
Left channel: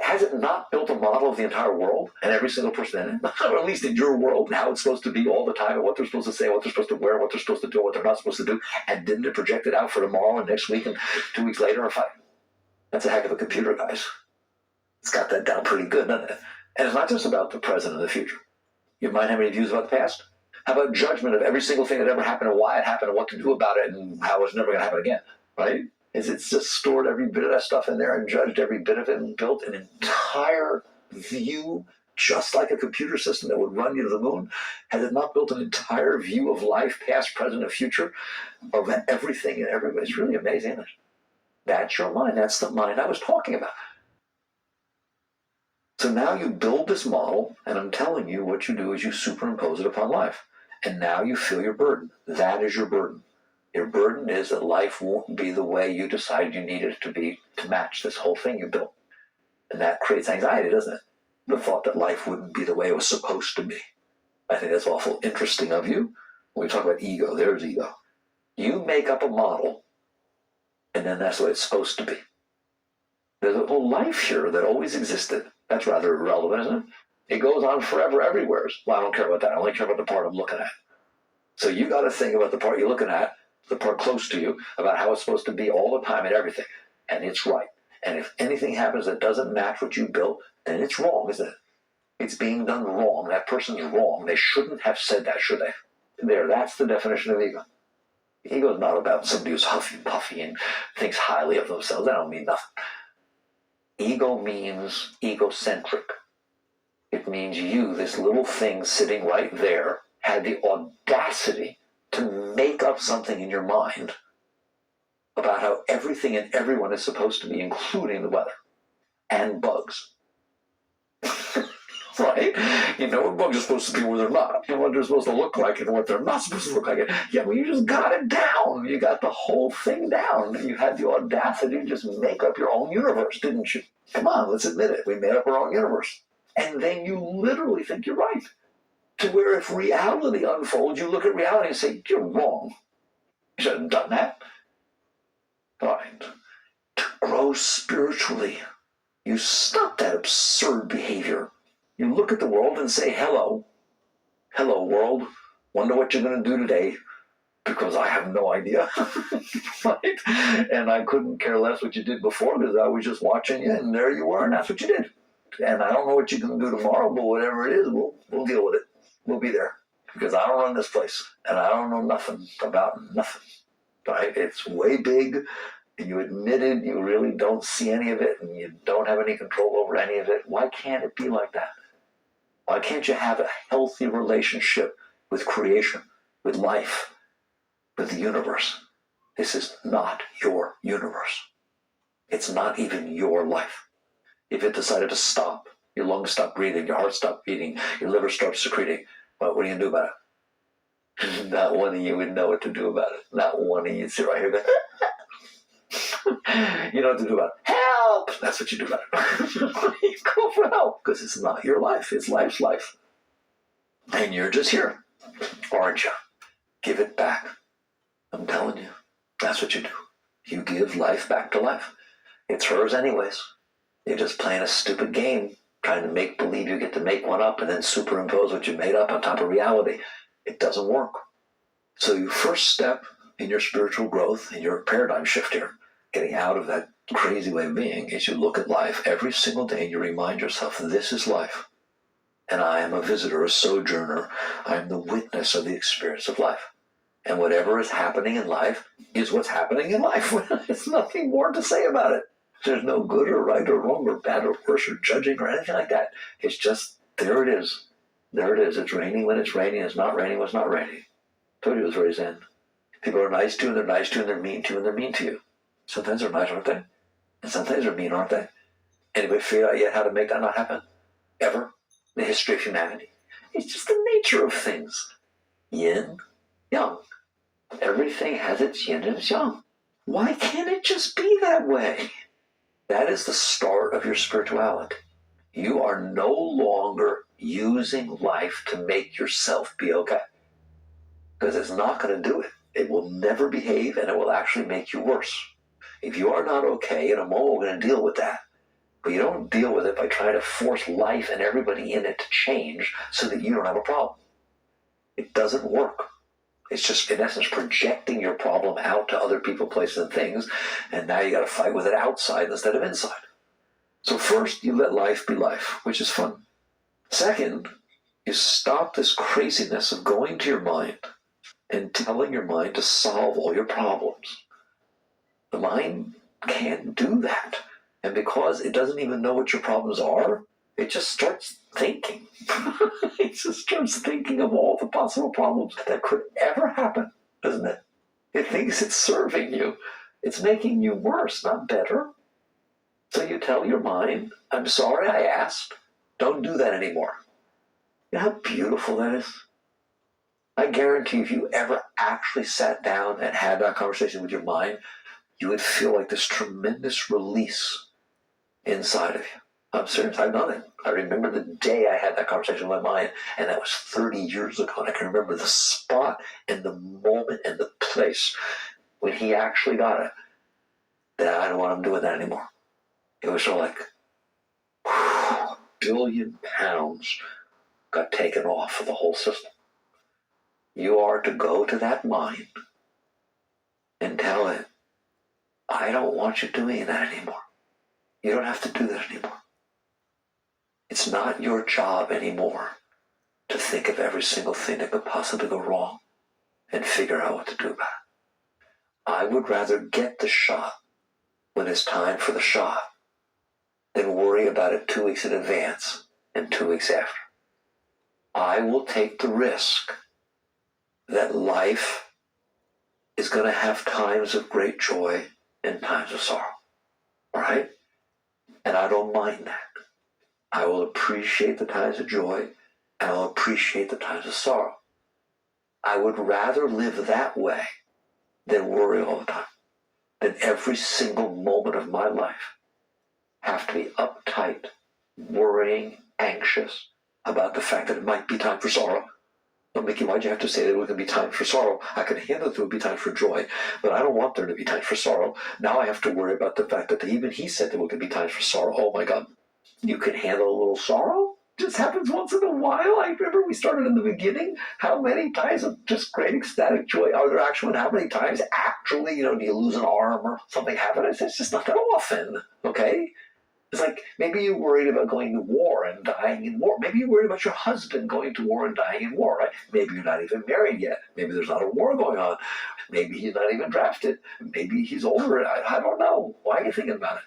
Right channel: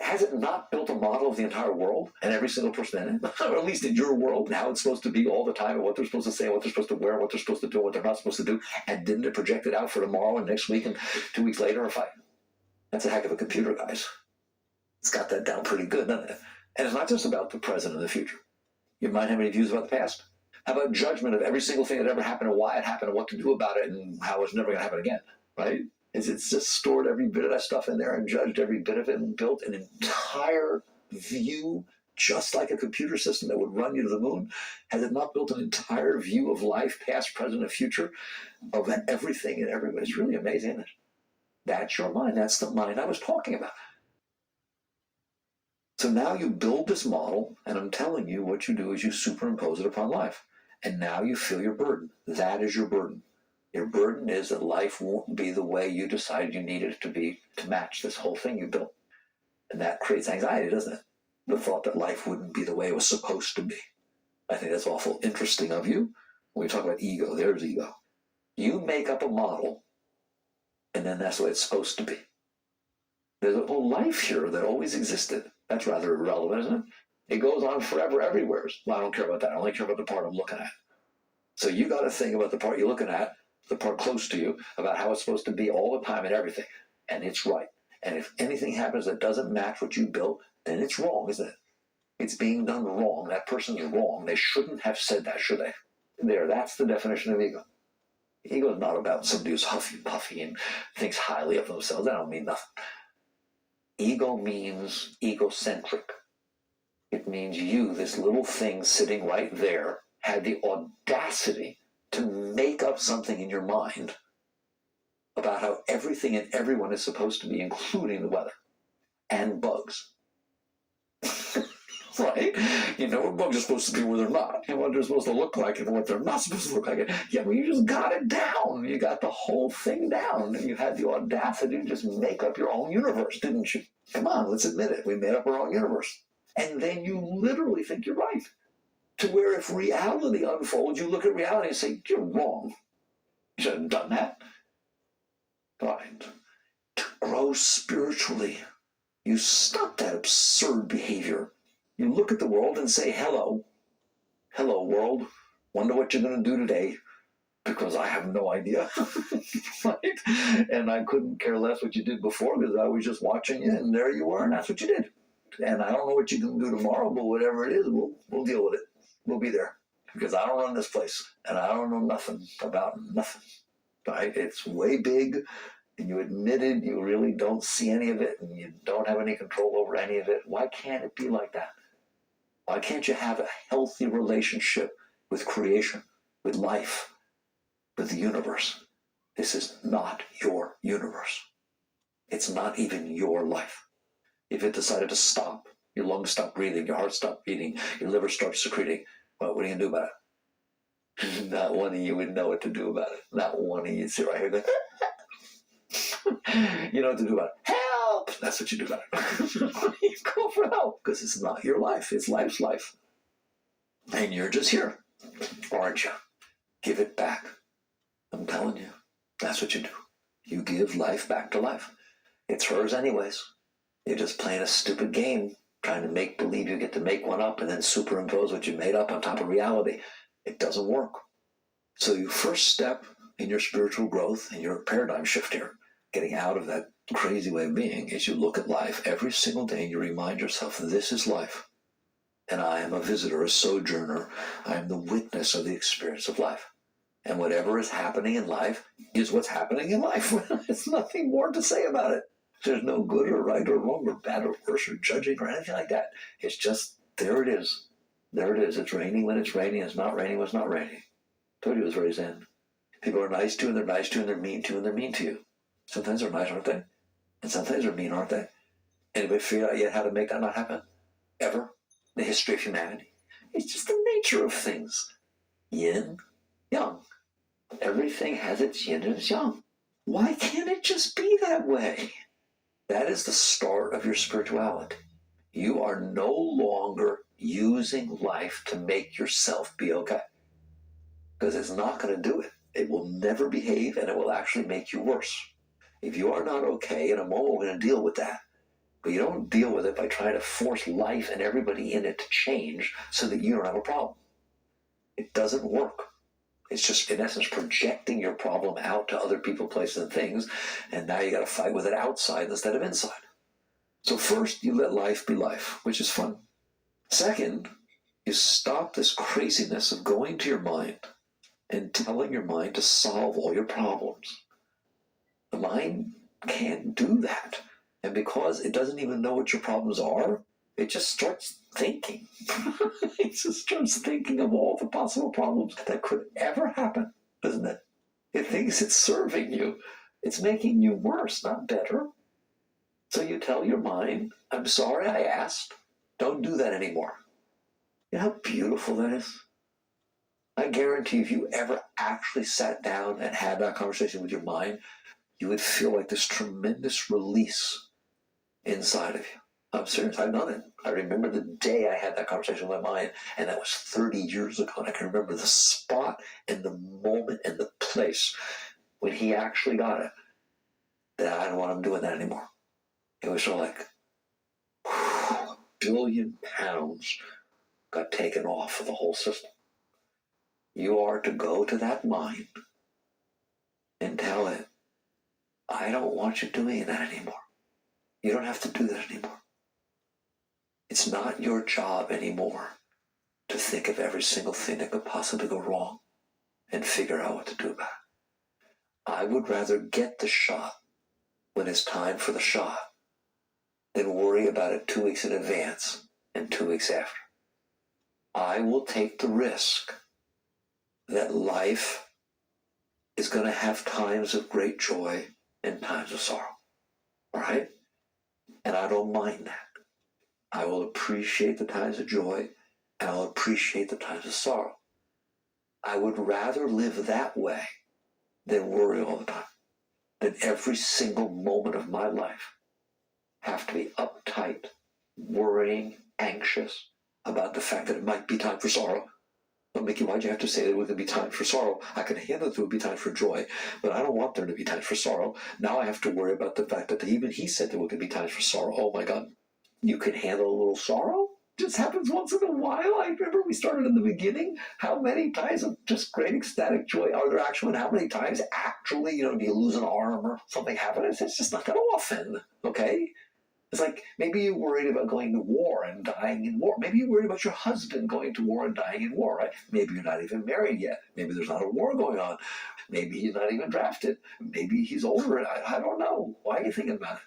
Has it not built a model of the entire world and every single person in it? Or at least in your world and how it's supposed to be all the time and what they're supposed to say, what they're supposed to wear, what they're supposed to do, what they're not supposed to do? And didn't it project it out for tomorrow and next week and 2 weeks later or 5? That's a heck of a computer, guys. It's got that down pretty good, doesn't it? And it's not just about the present and the future. You might have any views about the past? How about judgment of every single thing that ever happened and why it happened and what to do about it and how it's never going to happen again, right? It's just stored every bit of that stuff in there and judged every bit of it and built an entire view, just like a computer system that would run you to the moon. Has it not built an entire view of life, past, present, and future, of everything and everybody? It's really amazing, isn't it? That's your mind. That's the mind I was talking about. So now you build this model, and I'm telling you what you do is you superimpose it upon life. And now you feel your burden. That is your burden. Your burden is that life won't be the way you decided you needed it to be to match this whole thing you built. And that creates anxiety, doesn't it? The thought that life wouldn't be the way it was supposed to be. I think that's awful interesting of you. When we talk about ego, there's ego. You make up a model, and then that's the way it's supposed to be. There's a whole life here that always existed. That's rather irrelevant, isn't it? It goes on forever everywhere. Well, I don't care about that. I only care about the part I'm looking at. So you got to think about the part you're looking at, the part close to you, about how it's supposed to be all the time and everything. And it's right. And if anything happens that doesn't match what you built, then it's wrong, isn't it? It's being done wrong. That person's wrong. They shouldn't have said that, should they? There, that's the definition of ego. Ego is not about somebody who's huffy-puffy and thinks highly of themselves. That don't mean nothing. Ego means egocentric. It means you, this little thing sitting right there, had the audacity to make up something in your mind about how everything and everyone is supposed to be, including the weather and bugs. Right? You know what bugs are supposed to be where they're not. You know what they're supposed to look like and what they're not supposed to look like. Yeah, well, you just got it down. You got the whole thing down. You had the audacity to just make up your own universe, didn't you? Come on, let's admit it. We made up our own universe. And then you literally think you're right. To where if reality unfolds, you look at reality and say, you're wrong. You should have done that. Right. grow spiritually. You stop that absurd behavior. You look at the world and say, hello. Hello, world. Wonder what you're going to do today. Because I have no idea. Right? And I couldn't care less what you did before because I was just watching you and there you were and that's what you did. And I don't know what you're going to do tomorrow, but whatever it is, we'll deal with it. We'll be there. Because I don't run this place and I don't know nothing about nothing. Right? It's way big. And you admitted you really don't see any of it and you don't have any control over any of it. Why can't it be like that? Why can't you have a healthy relationship with creation, with life, with the universe? This is not your universe. It's not even your life. If it decided to stop, your lungs stop breathing, your heart stops beating, your liver starts secreting, what are you going to do about it? Not one of you would know what to do about it. Not one of you sit right here going, you know what to do about it. Help! That's what you do about it. You go for help because it's not your life. It's life's life. And you're just here, aren't you? Give it back. I'm telling you, that's what you do. You give life back to life. It's hers anyways. You're just playing a stupid game, trying to make believe you get to make one up and then superimpose what you made up on top of reality. It doesn't work. So your first step in your spiritual growth, in your paradigm shift here, getting out of that crazy way of being, is you look at life every single day and you remind yourself, this is life. And I am a visitor, a sojourner. I am the witness of the experience of life. And whatever is happening in life is what's happening in life. There's nothing more to say about it. There's no good or right or wrong or bad or worse or judging or anything like that. It's just, there it is. There it is. It's raining when it's raining. It's not raining when it's not raining. I told you it was very zen. People are nice to you and they're nice to you and they're mean to you and they're mean to you. Sometimes they're nice, aren't they? And sometimes they're mean, aren't they? Anybody figure out yet how to make that not happen? Ever? The history of humanity? It's just the nature of things. Yin, yang. Everything has its yin and its yang. Why can't it just be that way? That is the start of your spirituality. You are no longer using life to make yourself be okay. Because it's not going to do it. It will never behave and it will actually make you worse. If you are not okay, in a moment we're going to deal with that. But you don't deal with it by trying to force life and everybody in it to change so that you don't have a problem. It doesn't work. It's just, in essence, projecting your problem out to other people, places, and things, and now you got to fight with it outside instead of inside. So first, you let life be life, which is fun. Second, you stop this craziness of going to your mind and telling your mind to solve all your problems. The mind can't do that. And because it doesn't even know what your problems are, it just starts thinking. It just starts thinking of all the possible problems that could ever happen, doesn't it? It thinks it's serving you. It's making you worse, not better. So you tell your mind, I'm sorry I asked. Don't do that anymore. You know how beautiful that is? I guarantee if you ever actually sat down and had that conversation with your mind, you would feel like this tremendous release inside of you. I'm serious, I've done it. I remember the day I had that conversation with my mind, and that was 30 years ago, and I can remember the spot and the moment and the place when he actually got it, that I don't want him doing that anymore. It was sort of like, £1 billion got taken off of the whole system. You are to go to that mind and tell it, I don't want you doing that anymore. You don't have to do that anymore. It's not your job anymore to think of every single thing that could possibly go wrong and figure out what to do about it. I would rather get the shot when it's time for the shot than worry about it 2 weeks in advance and 2 weeks after. I will take the risk that life is going to have times of great joy and times of sorrow. All right? And I don't mind that. I will appreciate the times of joy, and I'll appreciate the times of sorrow. I would rather live that way than worry all the time, than every single moment of my life have to be uptight, worrying, anxious about the fact that it might be time for sorrow. But Mickey, why'd you have to say there would be times for sorrow? I could handle that there would be times for joy, but I don't want there to be times for sorrow. Now I have to worry about the fact that even he said there would be times for sorrow. Oh my God. You can handle a little sorrow? Just happens once in a while. I remember we started in the beginning. How many times of just great ecstatic joy are there actually? And how many times actually, do you lose an arm or something happens? It's just not that often, okay? It's like maybe you're worried about going to war and dying in war. Maybe you're worried about your husband going to war and dying in war, right? Maybe you're not even married yet. Maybe there's not a war going on. Maybe he's not even drafted. Maybe he's older. I don't know. Why are you thinking about it?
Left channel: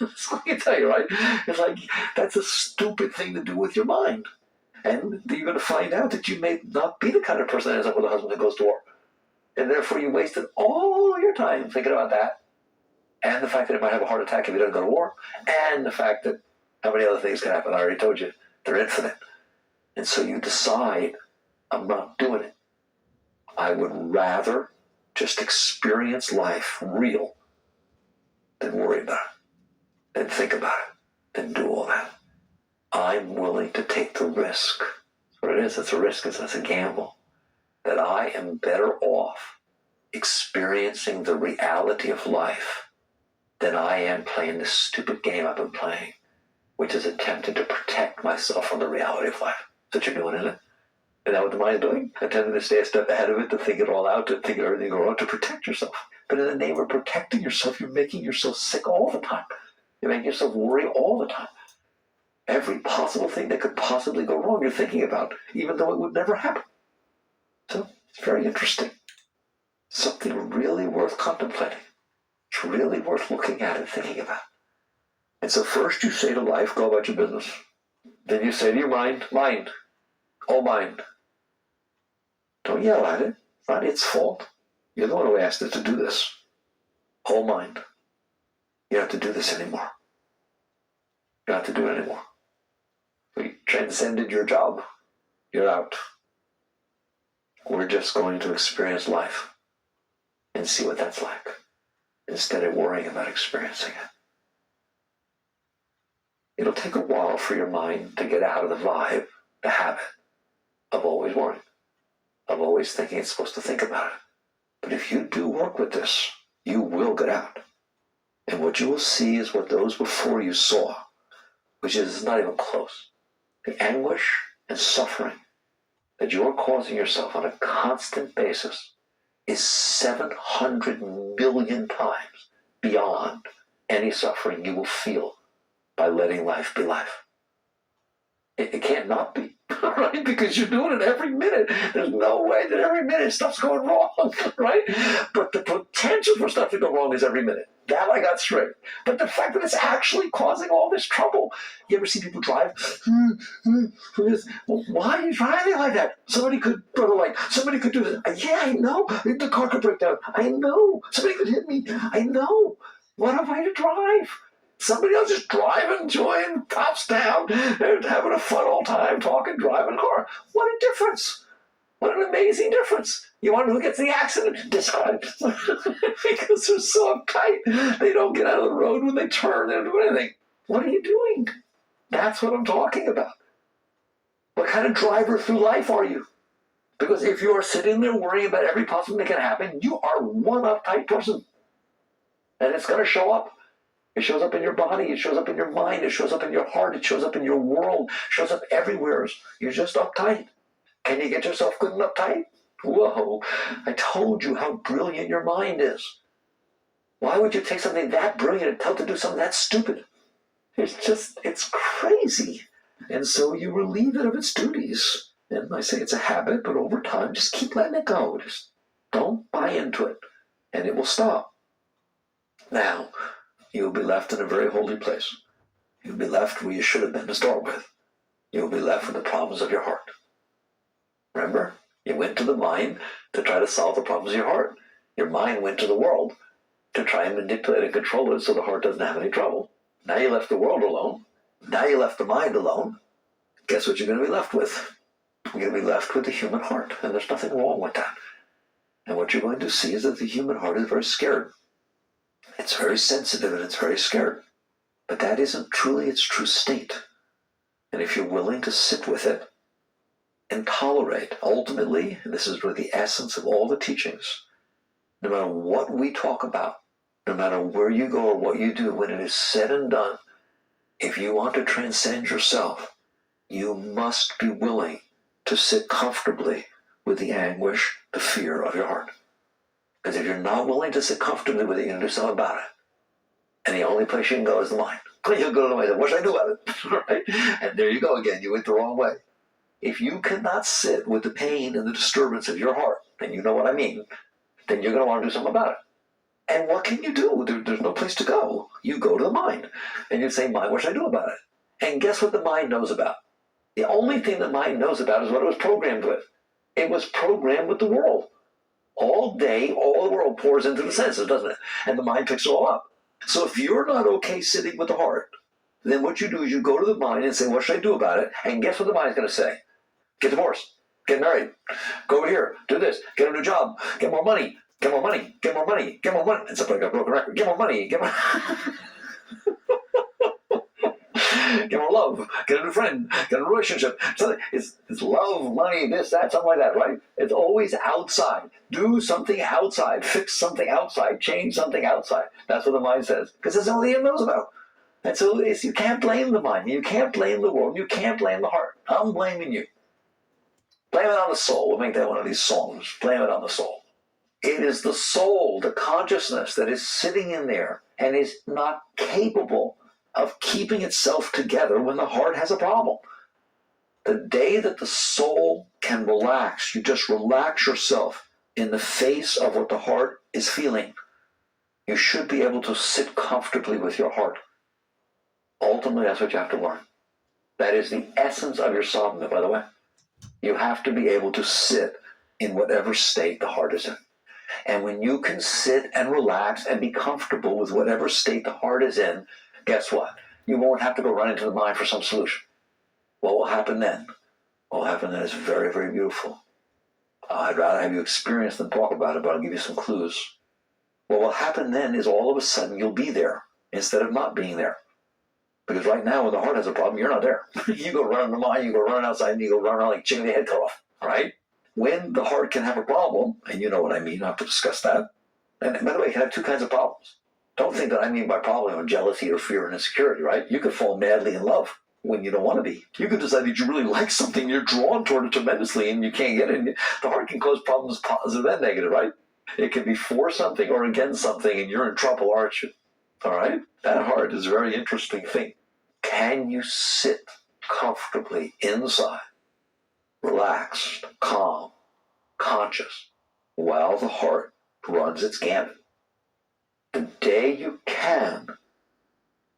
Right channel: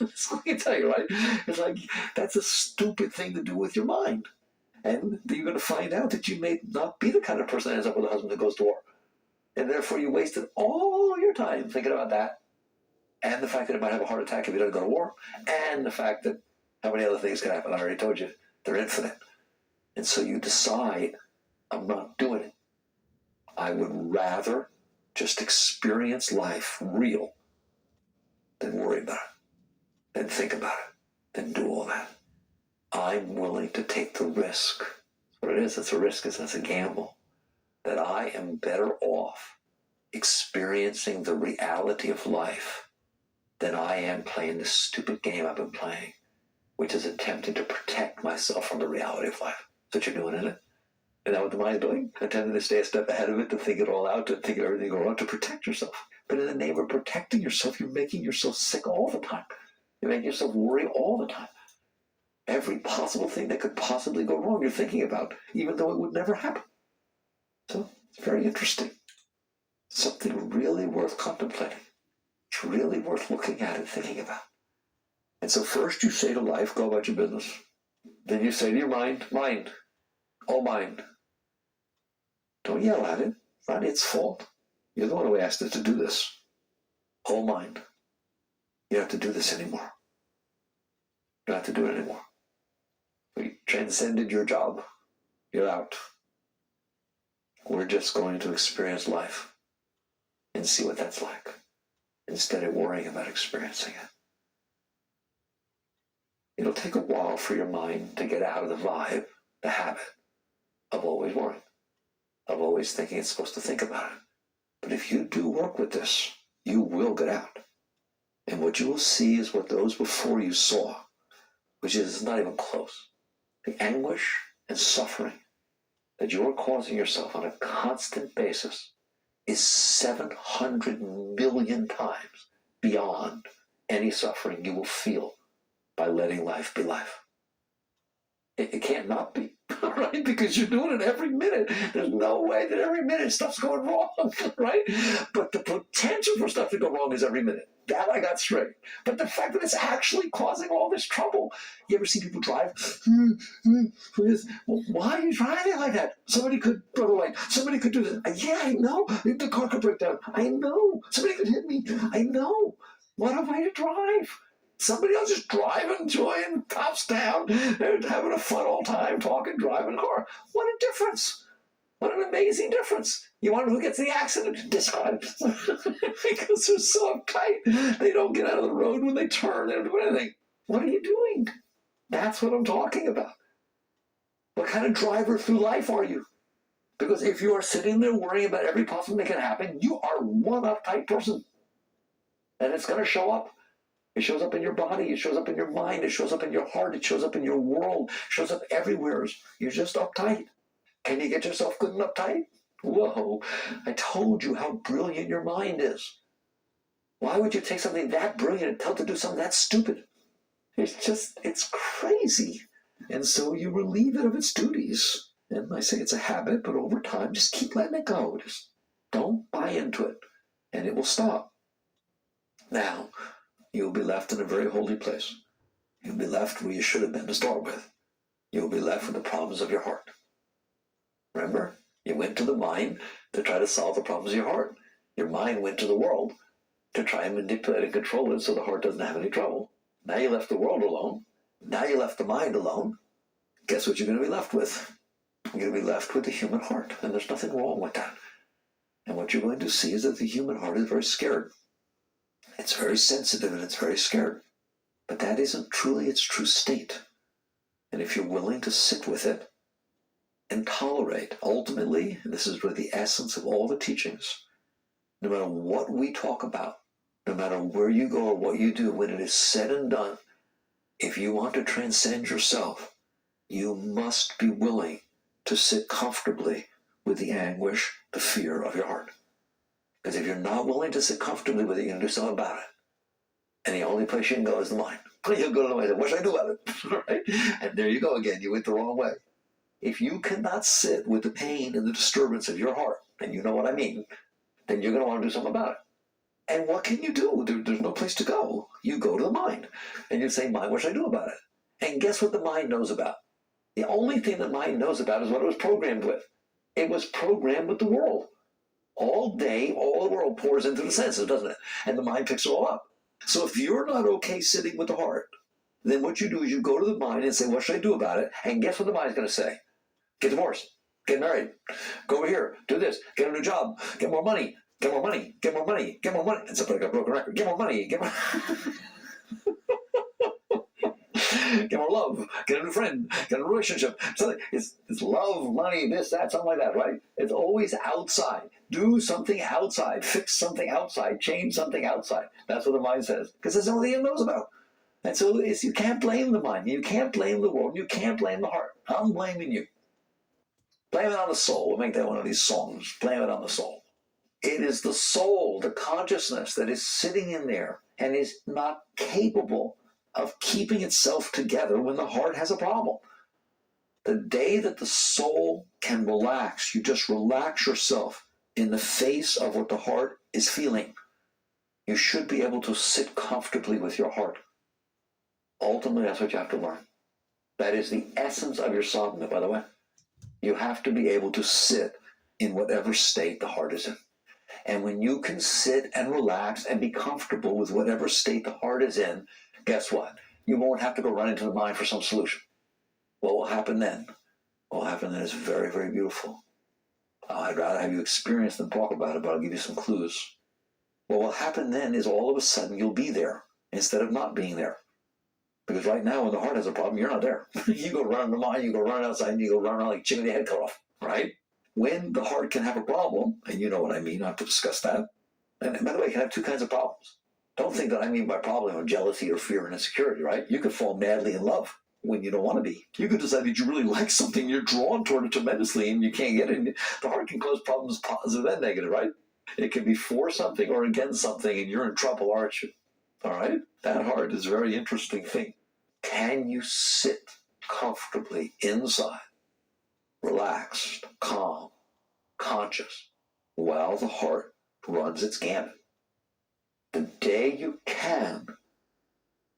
That's what I can tell you, right? It's like that's a stupid thing to do with your mind. And you're going to find out that you may not be the kind of person that ends up with a husband that goes to war. And therefore you wasted all your time thinking about that. And the fact that he might have a heart attack if he doesn't go to war. And the fact that how many other things can happen. I already told you. They're infinite. And so you decide, I'm not doing it. I would rather just experience life real than worry about it, than think about it, than do all that. I'm willing to take the risk. That's what it is. It's a risk. It's a gamble. That I am better off experiencing the reality of life than I am playing this stupid game I've been playing, which is attempting to protect myself from the reality of life. That's what you're doing, isn't it? Isn't that what the mind's doing? Attempting to stay a step ahead of it, to think it all out, to think everything wrong, to protect yourself. But in the name of protecting yourself, you're making yourself sick all the time. You're making yourself worry all the time. Every possible thing that could possibly go wrong you're thinking about, even though it would never happen. So it's very interesting. Something really worth contemplating. It's really worth looking at and thinking about. And so first you say to life, go about your business. Then you say to your mind, oh mind. Don't yell at it. It's not its fault. You're the one who asked it to do this. Oh mind. You don't have to do this anymore. You don't have to do it anymore. We transcended your job. You're out. We're just going to experience life and see what that's like, instead of worrying about experiencing it. It'll take a while for your mind to get out of the vibe, the habit of always worrying, of always thinking it's supposed to think about it. But if you do work with this, you will get out. And what you will see is what those before you saw, which is not even close. The anguish and suffering that you are causing yourself on a constant basis is 700 million times beyond any suffering you will feel by letting life be life. It can't not be, right? Because you're doing it every minute. There's no way that every minute stuff's going wrong, right? But the potential for stuff to go wrong is every minute. That I got straight. But the fact that it's actually causing all this trouble. You ever see people drive? Well, why are you driving like that? Somebody could somebody could do this. Yeah, I know. The car could break down. I know. Somebody could hit me. I know. What am I to drive? Somebody else is driving, enjoying, tops down, and having a fun old time, talking, driving a car. What a difference. What an amazing difference. You want to know who gets the accident? Describe. Because they're so uptight. They don't get out of the road when they turn and do anything. What are you doing? That's what I'm talking about. What kind of driver through life are you? Because if you are sitting there worrying about every possible thing that can happen, you are one uptight person. And it's going to show up. It shows up in your body, it shows up in your mind, it shows up in your heart, it shows up in your world, it shows up everywhere. You're just uptight. Can you get yourself good and uptight? Whoa, I told you how brilliant your mind is. Why would you take something that brilliant and tell it to do something that stupid? It's crazy. And so you relieve it of its duties. And I say it's a habit, but over time, just keep letting it go. Just don't buy into it, and it will stop. Now, you'll be left in a very holy place. You'll be left where you should have been to start with. You'll be left with the problems of your heart. Remember, you went to the mind to try to solve the problems of your heart. Your mind went to the world to try and manipulate and control it so the heart doesn't have any trouble. Now you left the world alone. Now you left the mind alone. Guess what you're going to be left with? You're going to be left with the human heart, and there's nothing wrong with that. And what you're going to see is that the human heart is very scared. It's very sensitive and it's very scared. But that isn't truly its true state. And if you're willing to sit with it and tolerate. Ultimately, and this is really the essence of all the teachings, no matter what we talk about, no matter where you go or what you do, when it is said and done, if you want to transcend yourself, you must be willing to sit comfortably with the anguish, the fear of your heart. Because if you're not willing to sit comfortably with it, you're going to do something about it. And the only place you can go is the mind. You'll go to the mind and say, what should I do about it? Right? And there you go again. You went the wrong way. If you cannot sit with the pain and the disturbance of your heart, and you know what I mean, then you're going to want to do something about it. And what can you do? There's no place to go. You go to the mind. And you say, mind, what should I do about it? And guess what the mind knows about? The only thing the mind knows about is what it was programmed with. It was programmed with the world. All day, all the world pours into the senses, doesn't it? And the mind picks it all up. So if you're not okay sitting with the heart, then what you do is you go to the mind and say, what should I do about it? And guess what the mind's going to say? Get divorced. Get married. Go over here. Do this. Get a new job. Get more money. Get more money. Get more money. Get more money. And somebody got a broken record. Get more money. Get more... Get more love. Get a new friend. Get a relationship. It's love, money, this, that, something like that, right? It's always outside. Do something outside. Fix something outside. Change something outside. That's what the mind says. Because that's all it knows about. And so you can't blame the mind. You can't blame the world. You can't blame the heart. I'm blaming you. Blame it on the soul. We'll make that one of these songs. Blame it on the soul. It is the soul, the consciousness that is sitting in there and is not capable of keeping itself together when the heart has a problem. The day that the soul can relax, you just relax yourself in the face of what the heart is feeling. You should be able to sit comfortably with your heart. Ultimately, that's what you have to learn. That is the essence of your sadhana, by the way. You have to be able to sit in whatever state the heart is in. And when you can sit and relax and be comfortable with whatever state the heart is in, guess what? You won't have to go run into the mind for some solution. What will happen then? What will happen then is very, very beautiful. I'd rather have you experience than talk about it, but I'll give you some clues. What will happen then is all of a sudden you'll be there instead of not being there. Because right now when the heart has a problem, you're not there. You go running the mind, you go running outside, and you go running around like chicken with your head cut off, right? When the heart can have a problem, and you know what I mean, I'll have to discuss that. And by the way, it can have two kinds of problems. Don't think that I mean by problem jealousy or fear and insecurity, right? You could fall madly in love when you don't want to be. You could decide that you really like something, you're drawn toward it tremendously, and you can't get it. And the heart can cause problems positive and negative, right? It can be for something or against something, and you're in trouble, aren't you? All right? That heart is a very interesting thing. Can you sit comfortably inside, relaxed, calm, conscious, while the heart runs its gamut? The day you can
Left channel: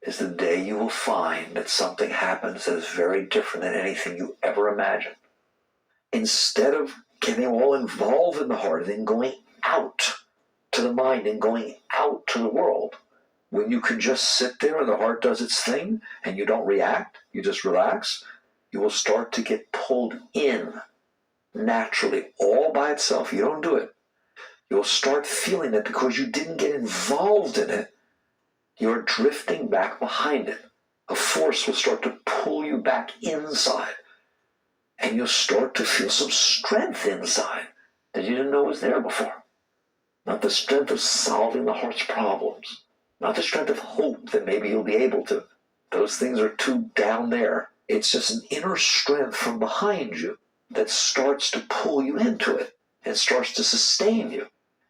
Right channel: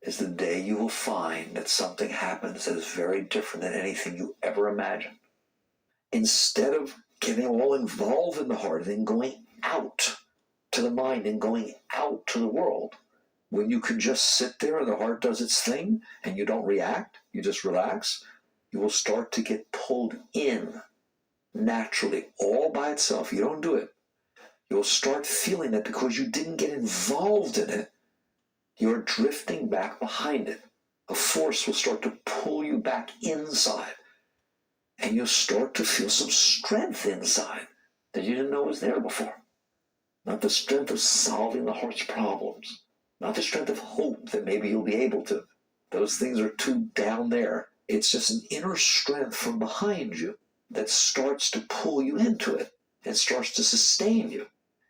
is the day you will find that something happens that is very different than anything you ever imagined. Instead of getting all involved in the heart and then going out to the mind and going out to the world, when you can just sit there and the heart does its thing and you don't react, you just relax, you will start to get pulled in naturally, all by itself. You don't do it. You'll start feeling it because you didn't get involved in it. You're drifting back behind it. A force will start to pull you back inside. And you'll start to feel some strength inside that you didn't know was there before. Not the strength of solving the heart's problems. Not the strength of hope that maybe you'll be able to. Those things are too down there. It's just an inner strength from behind you that starts to pull you into it and starts to sustain you.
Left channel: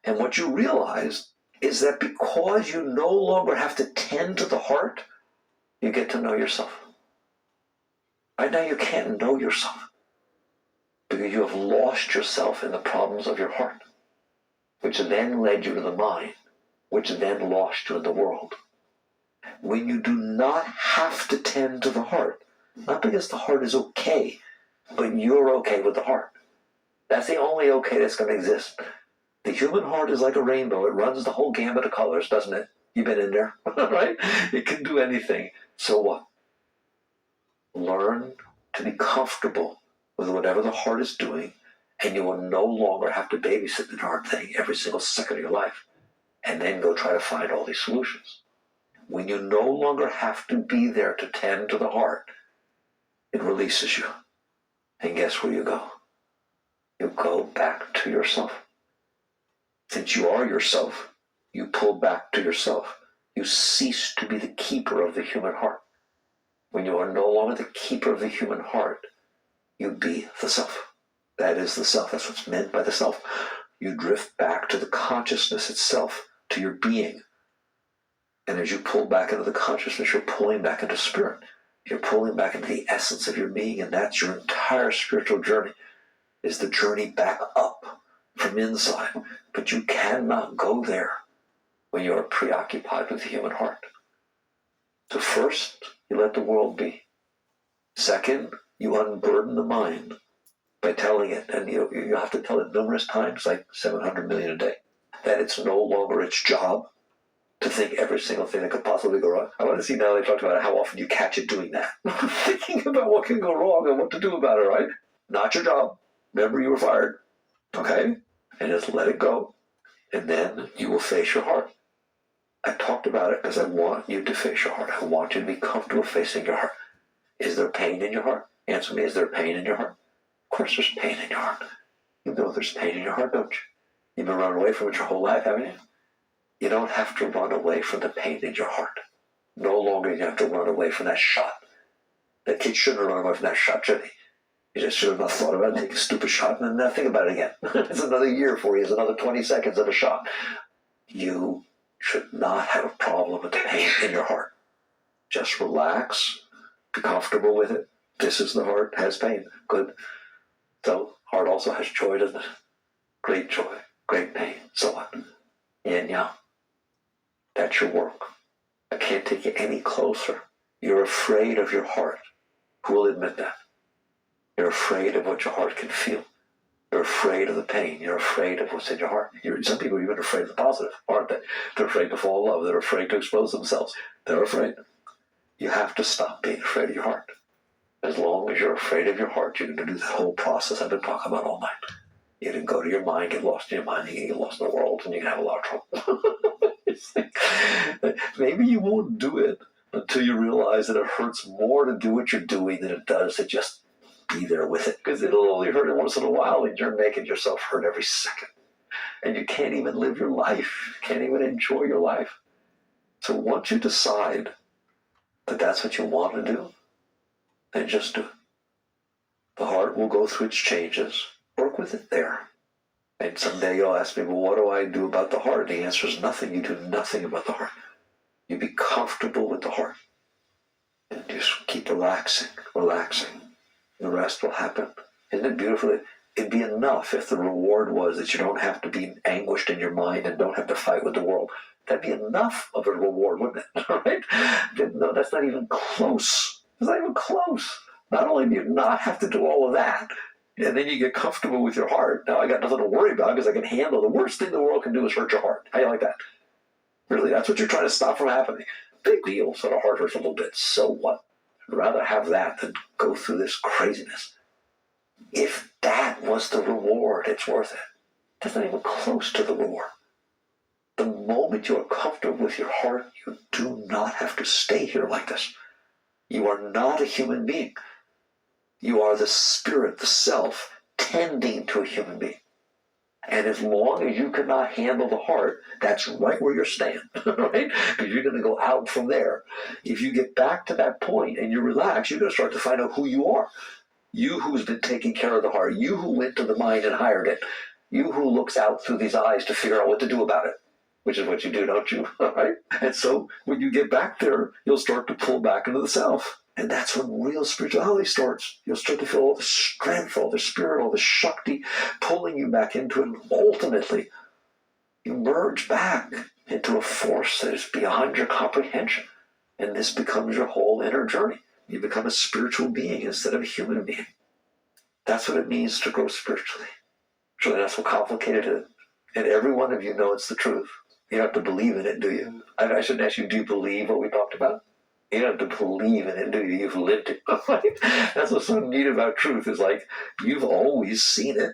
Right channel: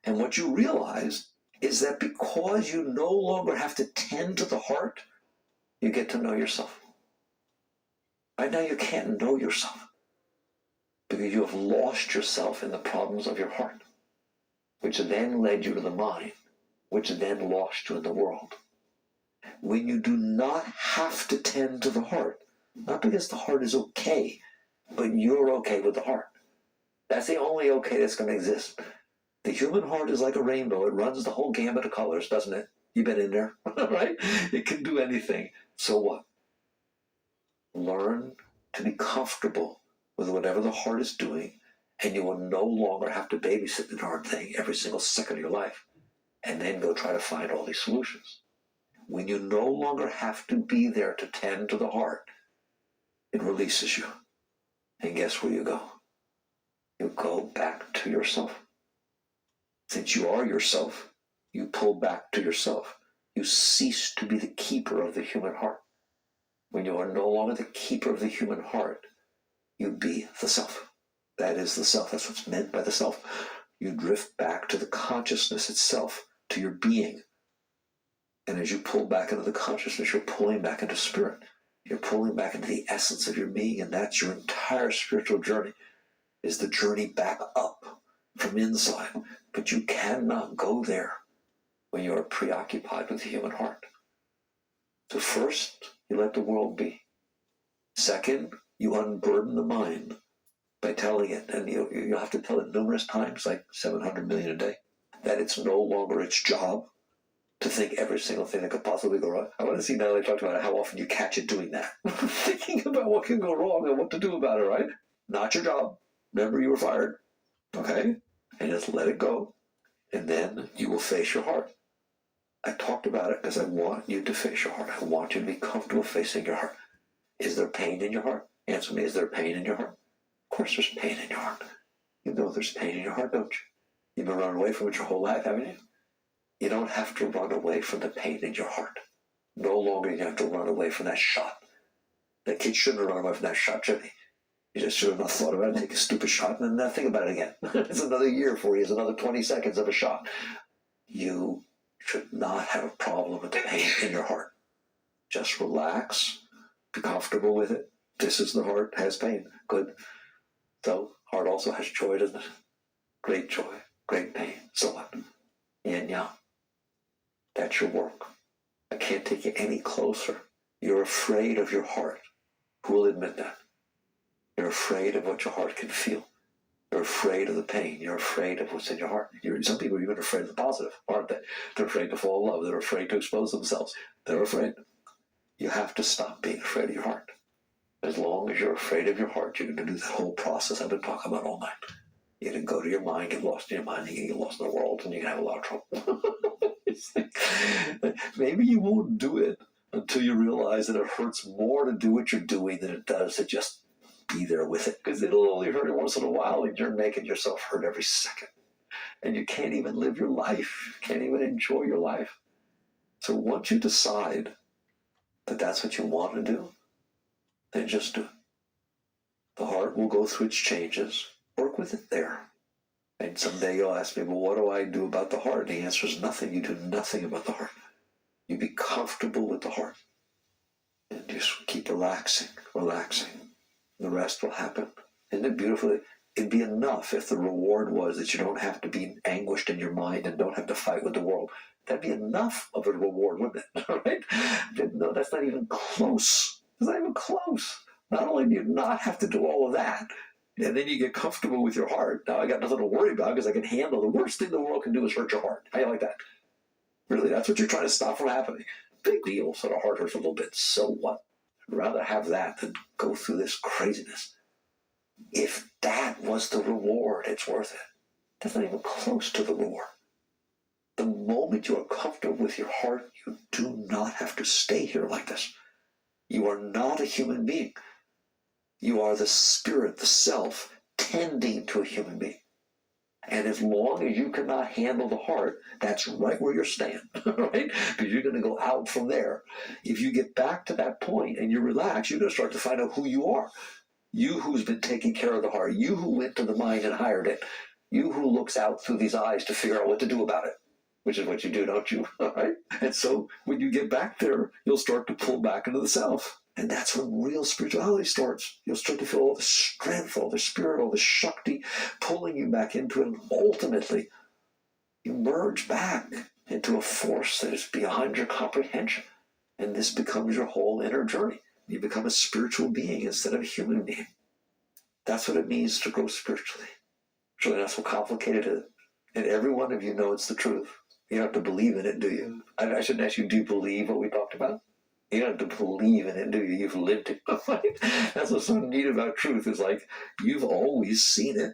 And what you realize is that because you no longer have to tend to the heart, you get to know yourself. Right now you can't know yourself because you have lost yourself in the problems of your heart, which then led you to the mind, which then lost you in the world. When you do not have to tend to the heart, not because the heart is okay, but you're okay with the heart. That's the only okay that's going to exist. The human heart is like a rainbow. It runs the whole gamut of colors, doesn't it? You've been in there, right? It can do anything. So what? Learn to be comfortable with whatever the heart is doing, and you will no longer have to babysit the darn thing every single second of your life, and then go try to find all these solutions. When you no longer have to be there to tend to the heart, it releases you. And guess where you go? You go back to yourself. Since you are yourself, you pull back to yourself. You cease to be the keeper of the human heart. When you are no longer the keeper of the human heart, you be the self. That is the self. That's what's meant by the self. You drift back to the consciousness itself, to your being. And as you pull back into the consciousness, you're pulling back into spirit. You're pulling back into the essence of your being, and that's your entire spiritual journey, is the journey back up from inside. But you cannot go there when you are preoccupied with the human heart. So first, you let the world be. Second, you unburden the mind by telling it, and you have to tell it numerous times, like 700 million a day, that it's no longer its job to think every single thing that could possibly go wrong. I want to see now they talked about how often you catch it doing that. Thinking about what can go wrong and what to do about it, right? Not your job. Remember, you were fired. Okay? And just let it go. And then you will face your heart. I talked about it because I want you to face your heart. I want you to be comfortable facing your heart. Is there pain in your heart? Answer me, is there pain in your heart? Of course there's pain in your heart. You know there's pain in your heart, don't you? You've been running away from it your whole life, haven't you? You don't have to run away from the pain in your heart. No longer you have to run away from that shot. The kid shouldn't have run away from that shot, should he? You just should have not thought about it, take a stupid shot, and then not think about it again. It's another year for you. It's another 20 seconds of a shot. You should not have a problem with the pain in your heart. Just relax. Be comfortable with it. This is the heart, has pain. Good. So, heart also has joy, doesn't it? Great joy, great pain. So what? Yin yang. That's your work. I can't take you any closer. You're afraid of your heart. Who will admit that? You're afraid of what your heart can feel. You're afraid of the pain. You're afraid of what's in your heart. Some people are even afraid of the positive, aren't they? They're afraid to fall in love. They're afraid to expose themselves. They're afraid. You have to stop being afraid of your heart. As long as you're afraid of your heart, you're going to do the whole process I've been talking about all night. You can go to your mind, get lost in your mind, you can get lost in the world, and you can have a lot of trouble. It's like, maybe you won't do it until you realize that it hurts more to do what you're doing than it does to just be there with it. Because it'll only hurt it once in a while, and you're making yourself hurt every second. And you can't even live your life. You can't even enjoy your life. So once you decide that that's what you want to do, then just do it. The heart will go through its changes. Work with it there. And someday you'll ask me, well, what do I do about the heart? The answer is nothing. You do nothing about the heart. You be comfortable with the heart. And just keep relaxing, relaxing. The rest will happen. Isn't it beautiful? It'd be enough if the reward was that you don't have to be anguished in your mind and don't have to fight with the world. That'd be enough of a reward, wouldn't it? Right? No, that's not even close. It's not even close. Not only do you not have to do all of that, and then you get comfortable with your heart. Now I got nothing to worry about because I can handle the worst thing the world can do is hurt your heart. How do you like that? Really, that's what you're trying to stop from happening. Big deal, so the heart hurts a little bit. So what? I'd rather have that than go through this craziness. If that was the reward, it's worth it. That's not even close to the reward. The moment you are comfortable with your heart, you do not have to stay here like this. You are not a human being. You are the spirit, the self, tending to a human being. And as long as you cannot handle the heart, that's right where you're staying, right? Because you're going to go out from there. If you get back to that point and you relax, you're going to start to find out who you are. You who's been taking care of the heart. You who went to the mind and hired it. You who looks out through these eyes to figure out what to do about it. Which is what you do, don't you? Right? And so when you get back there, you'll start to pull back into the self. And that's when real spirituality starts. You'll start to feel all the strength, all the spirit, all the Shakti pulling you back into it. And ultimately, you merge back into a force that is beyond your comprehension. And this becomes your whole inner journey. You become a spiritual being instead of a human being. That's what it means to grow spiritually. So that's what complicated it is. And every one of you knows the truth. You don't have to believe in it, do you? I shouldn't ask you, do you believe what we talked about? You don't have to believe in it, do you? You've lived it. That's what's so neat about truth is like, you've always seen it.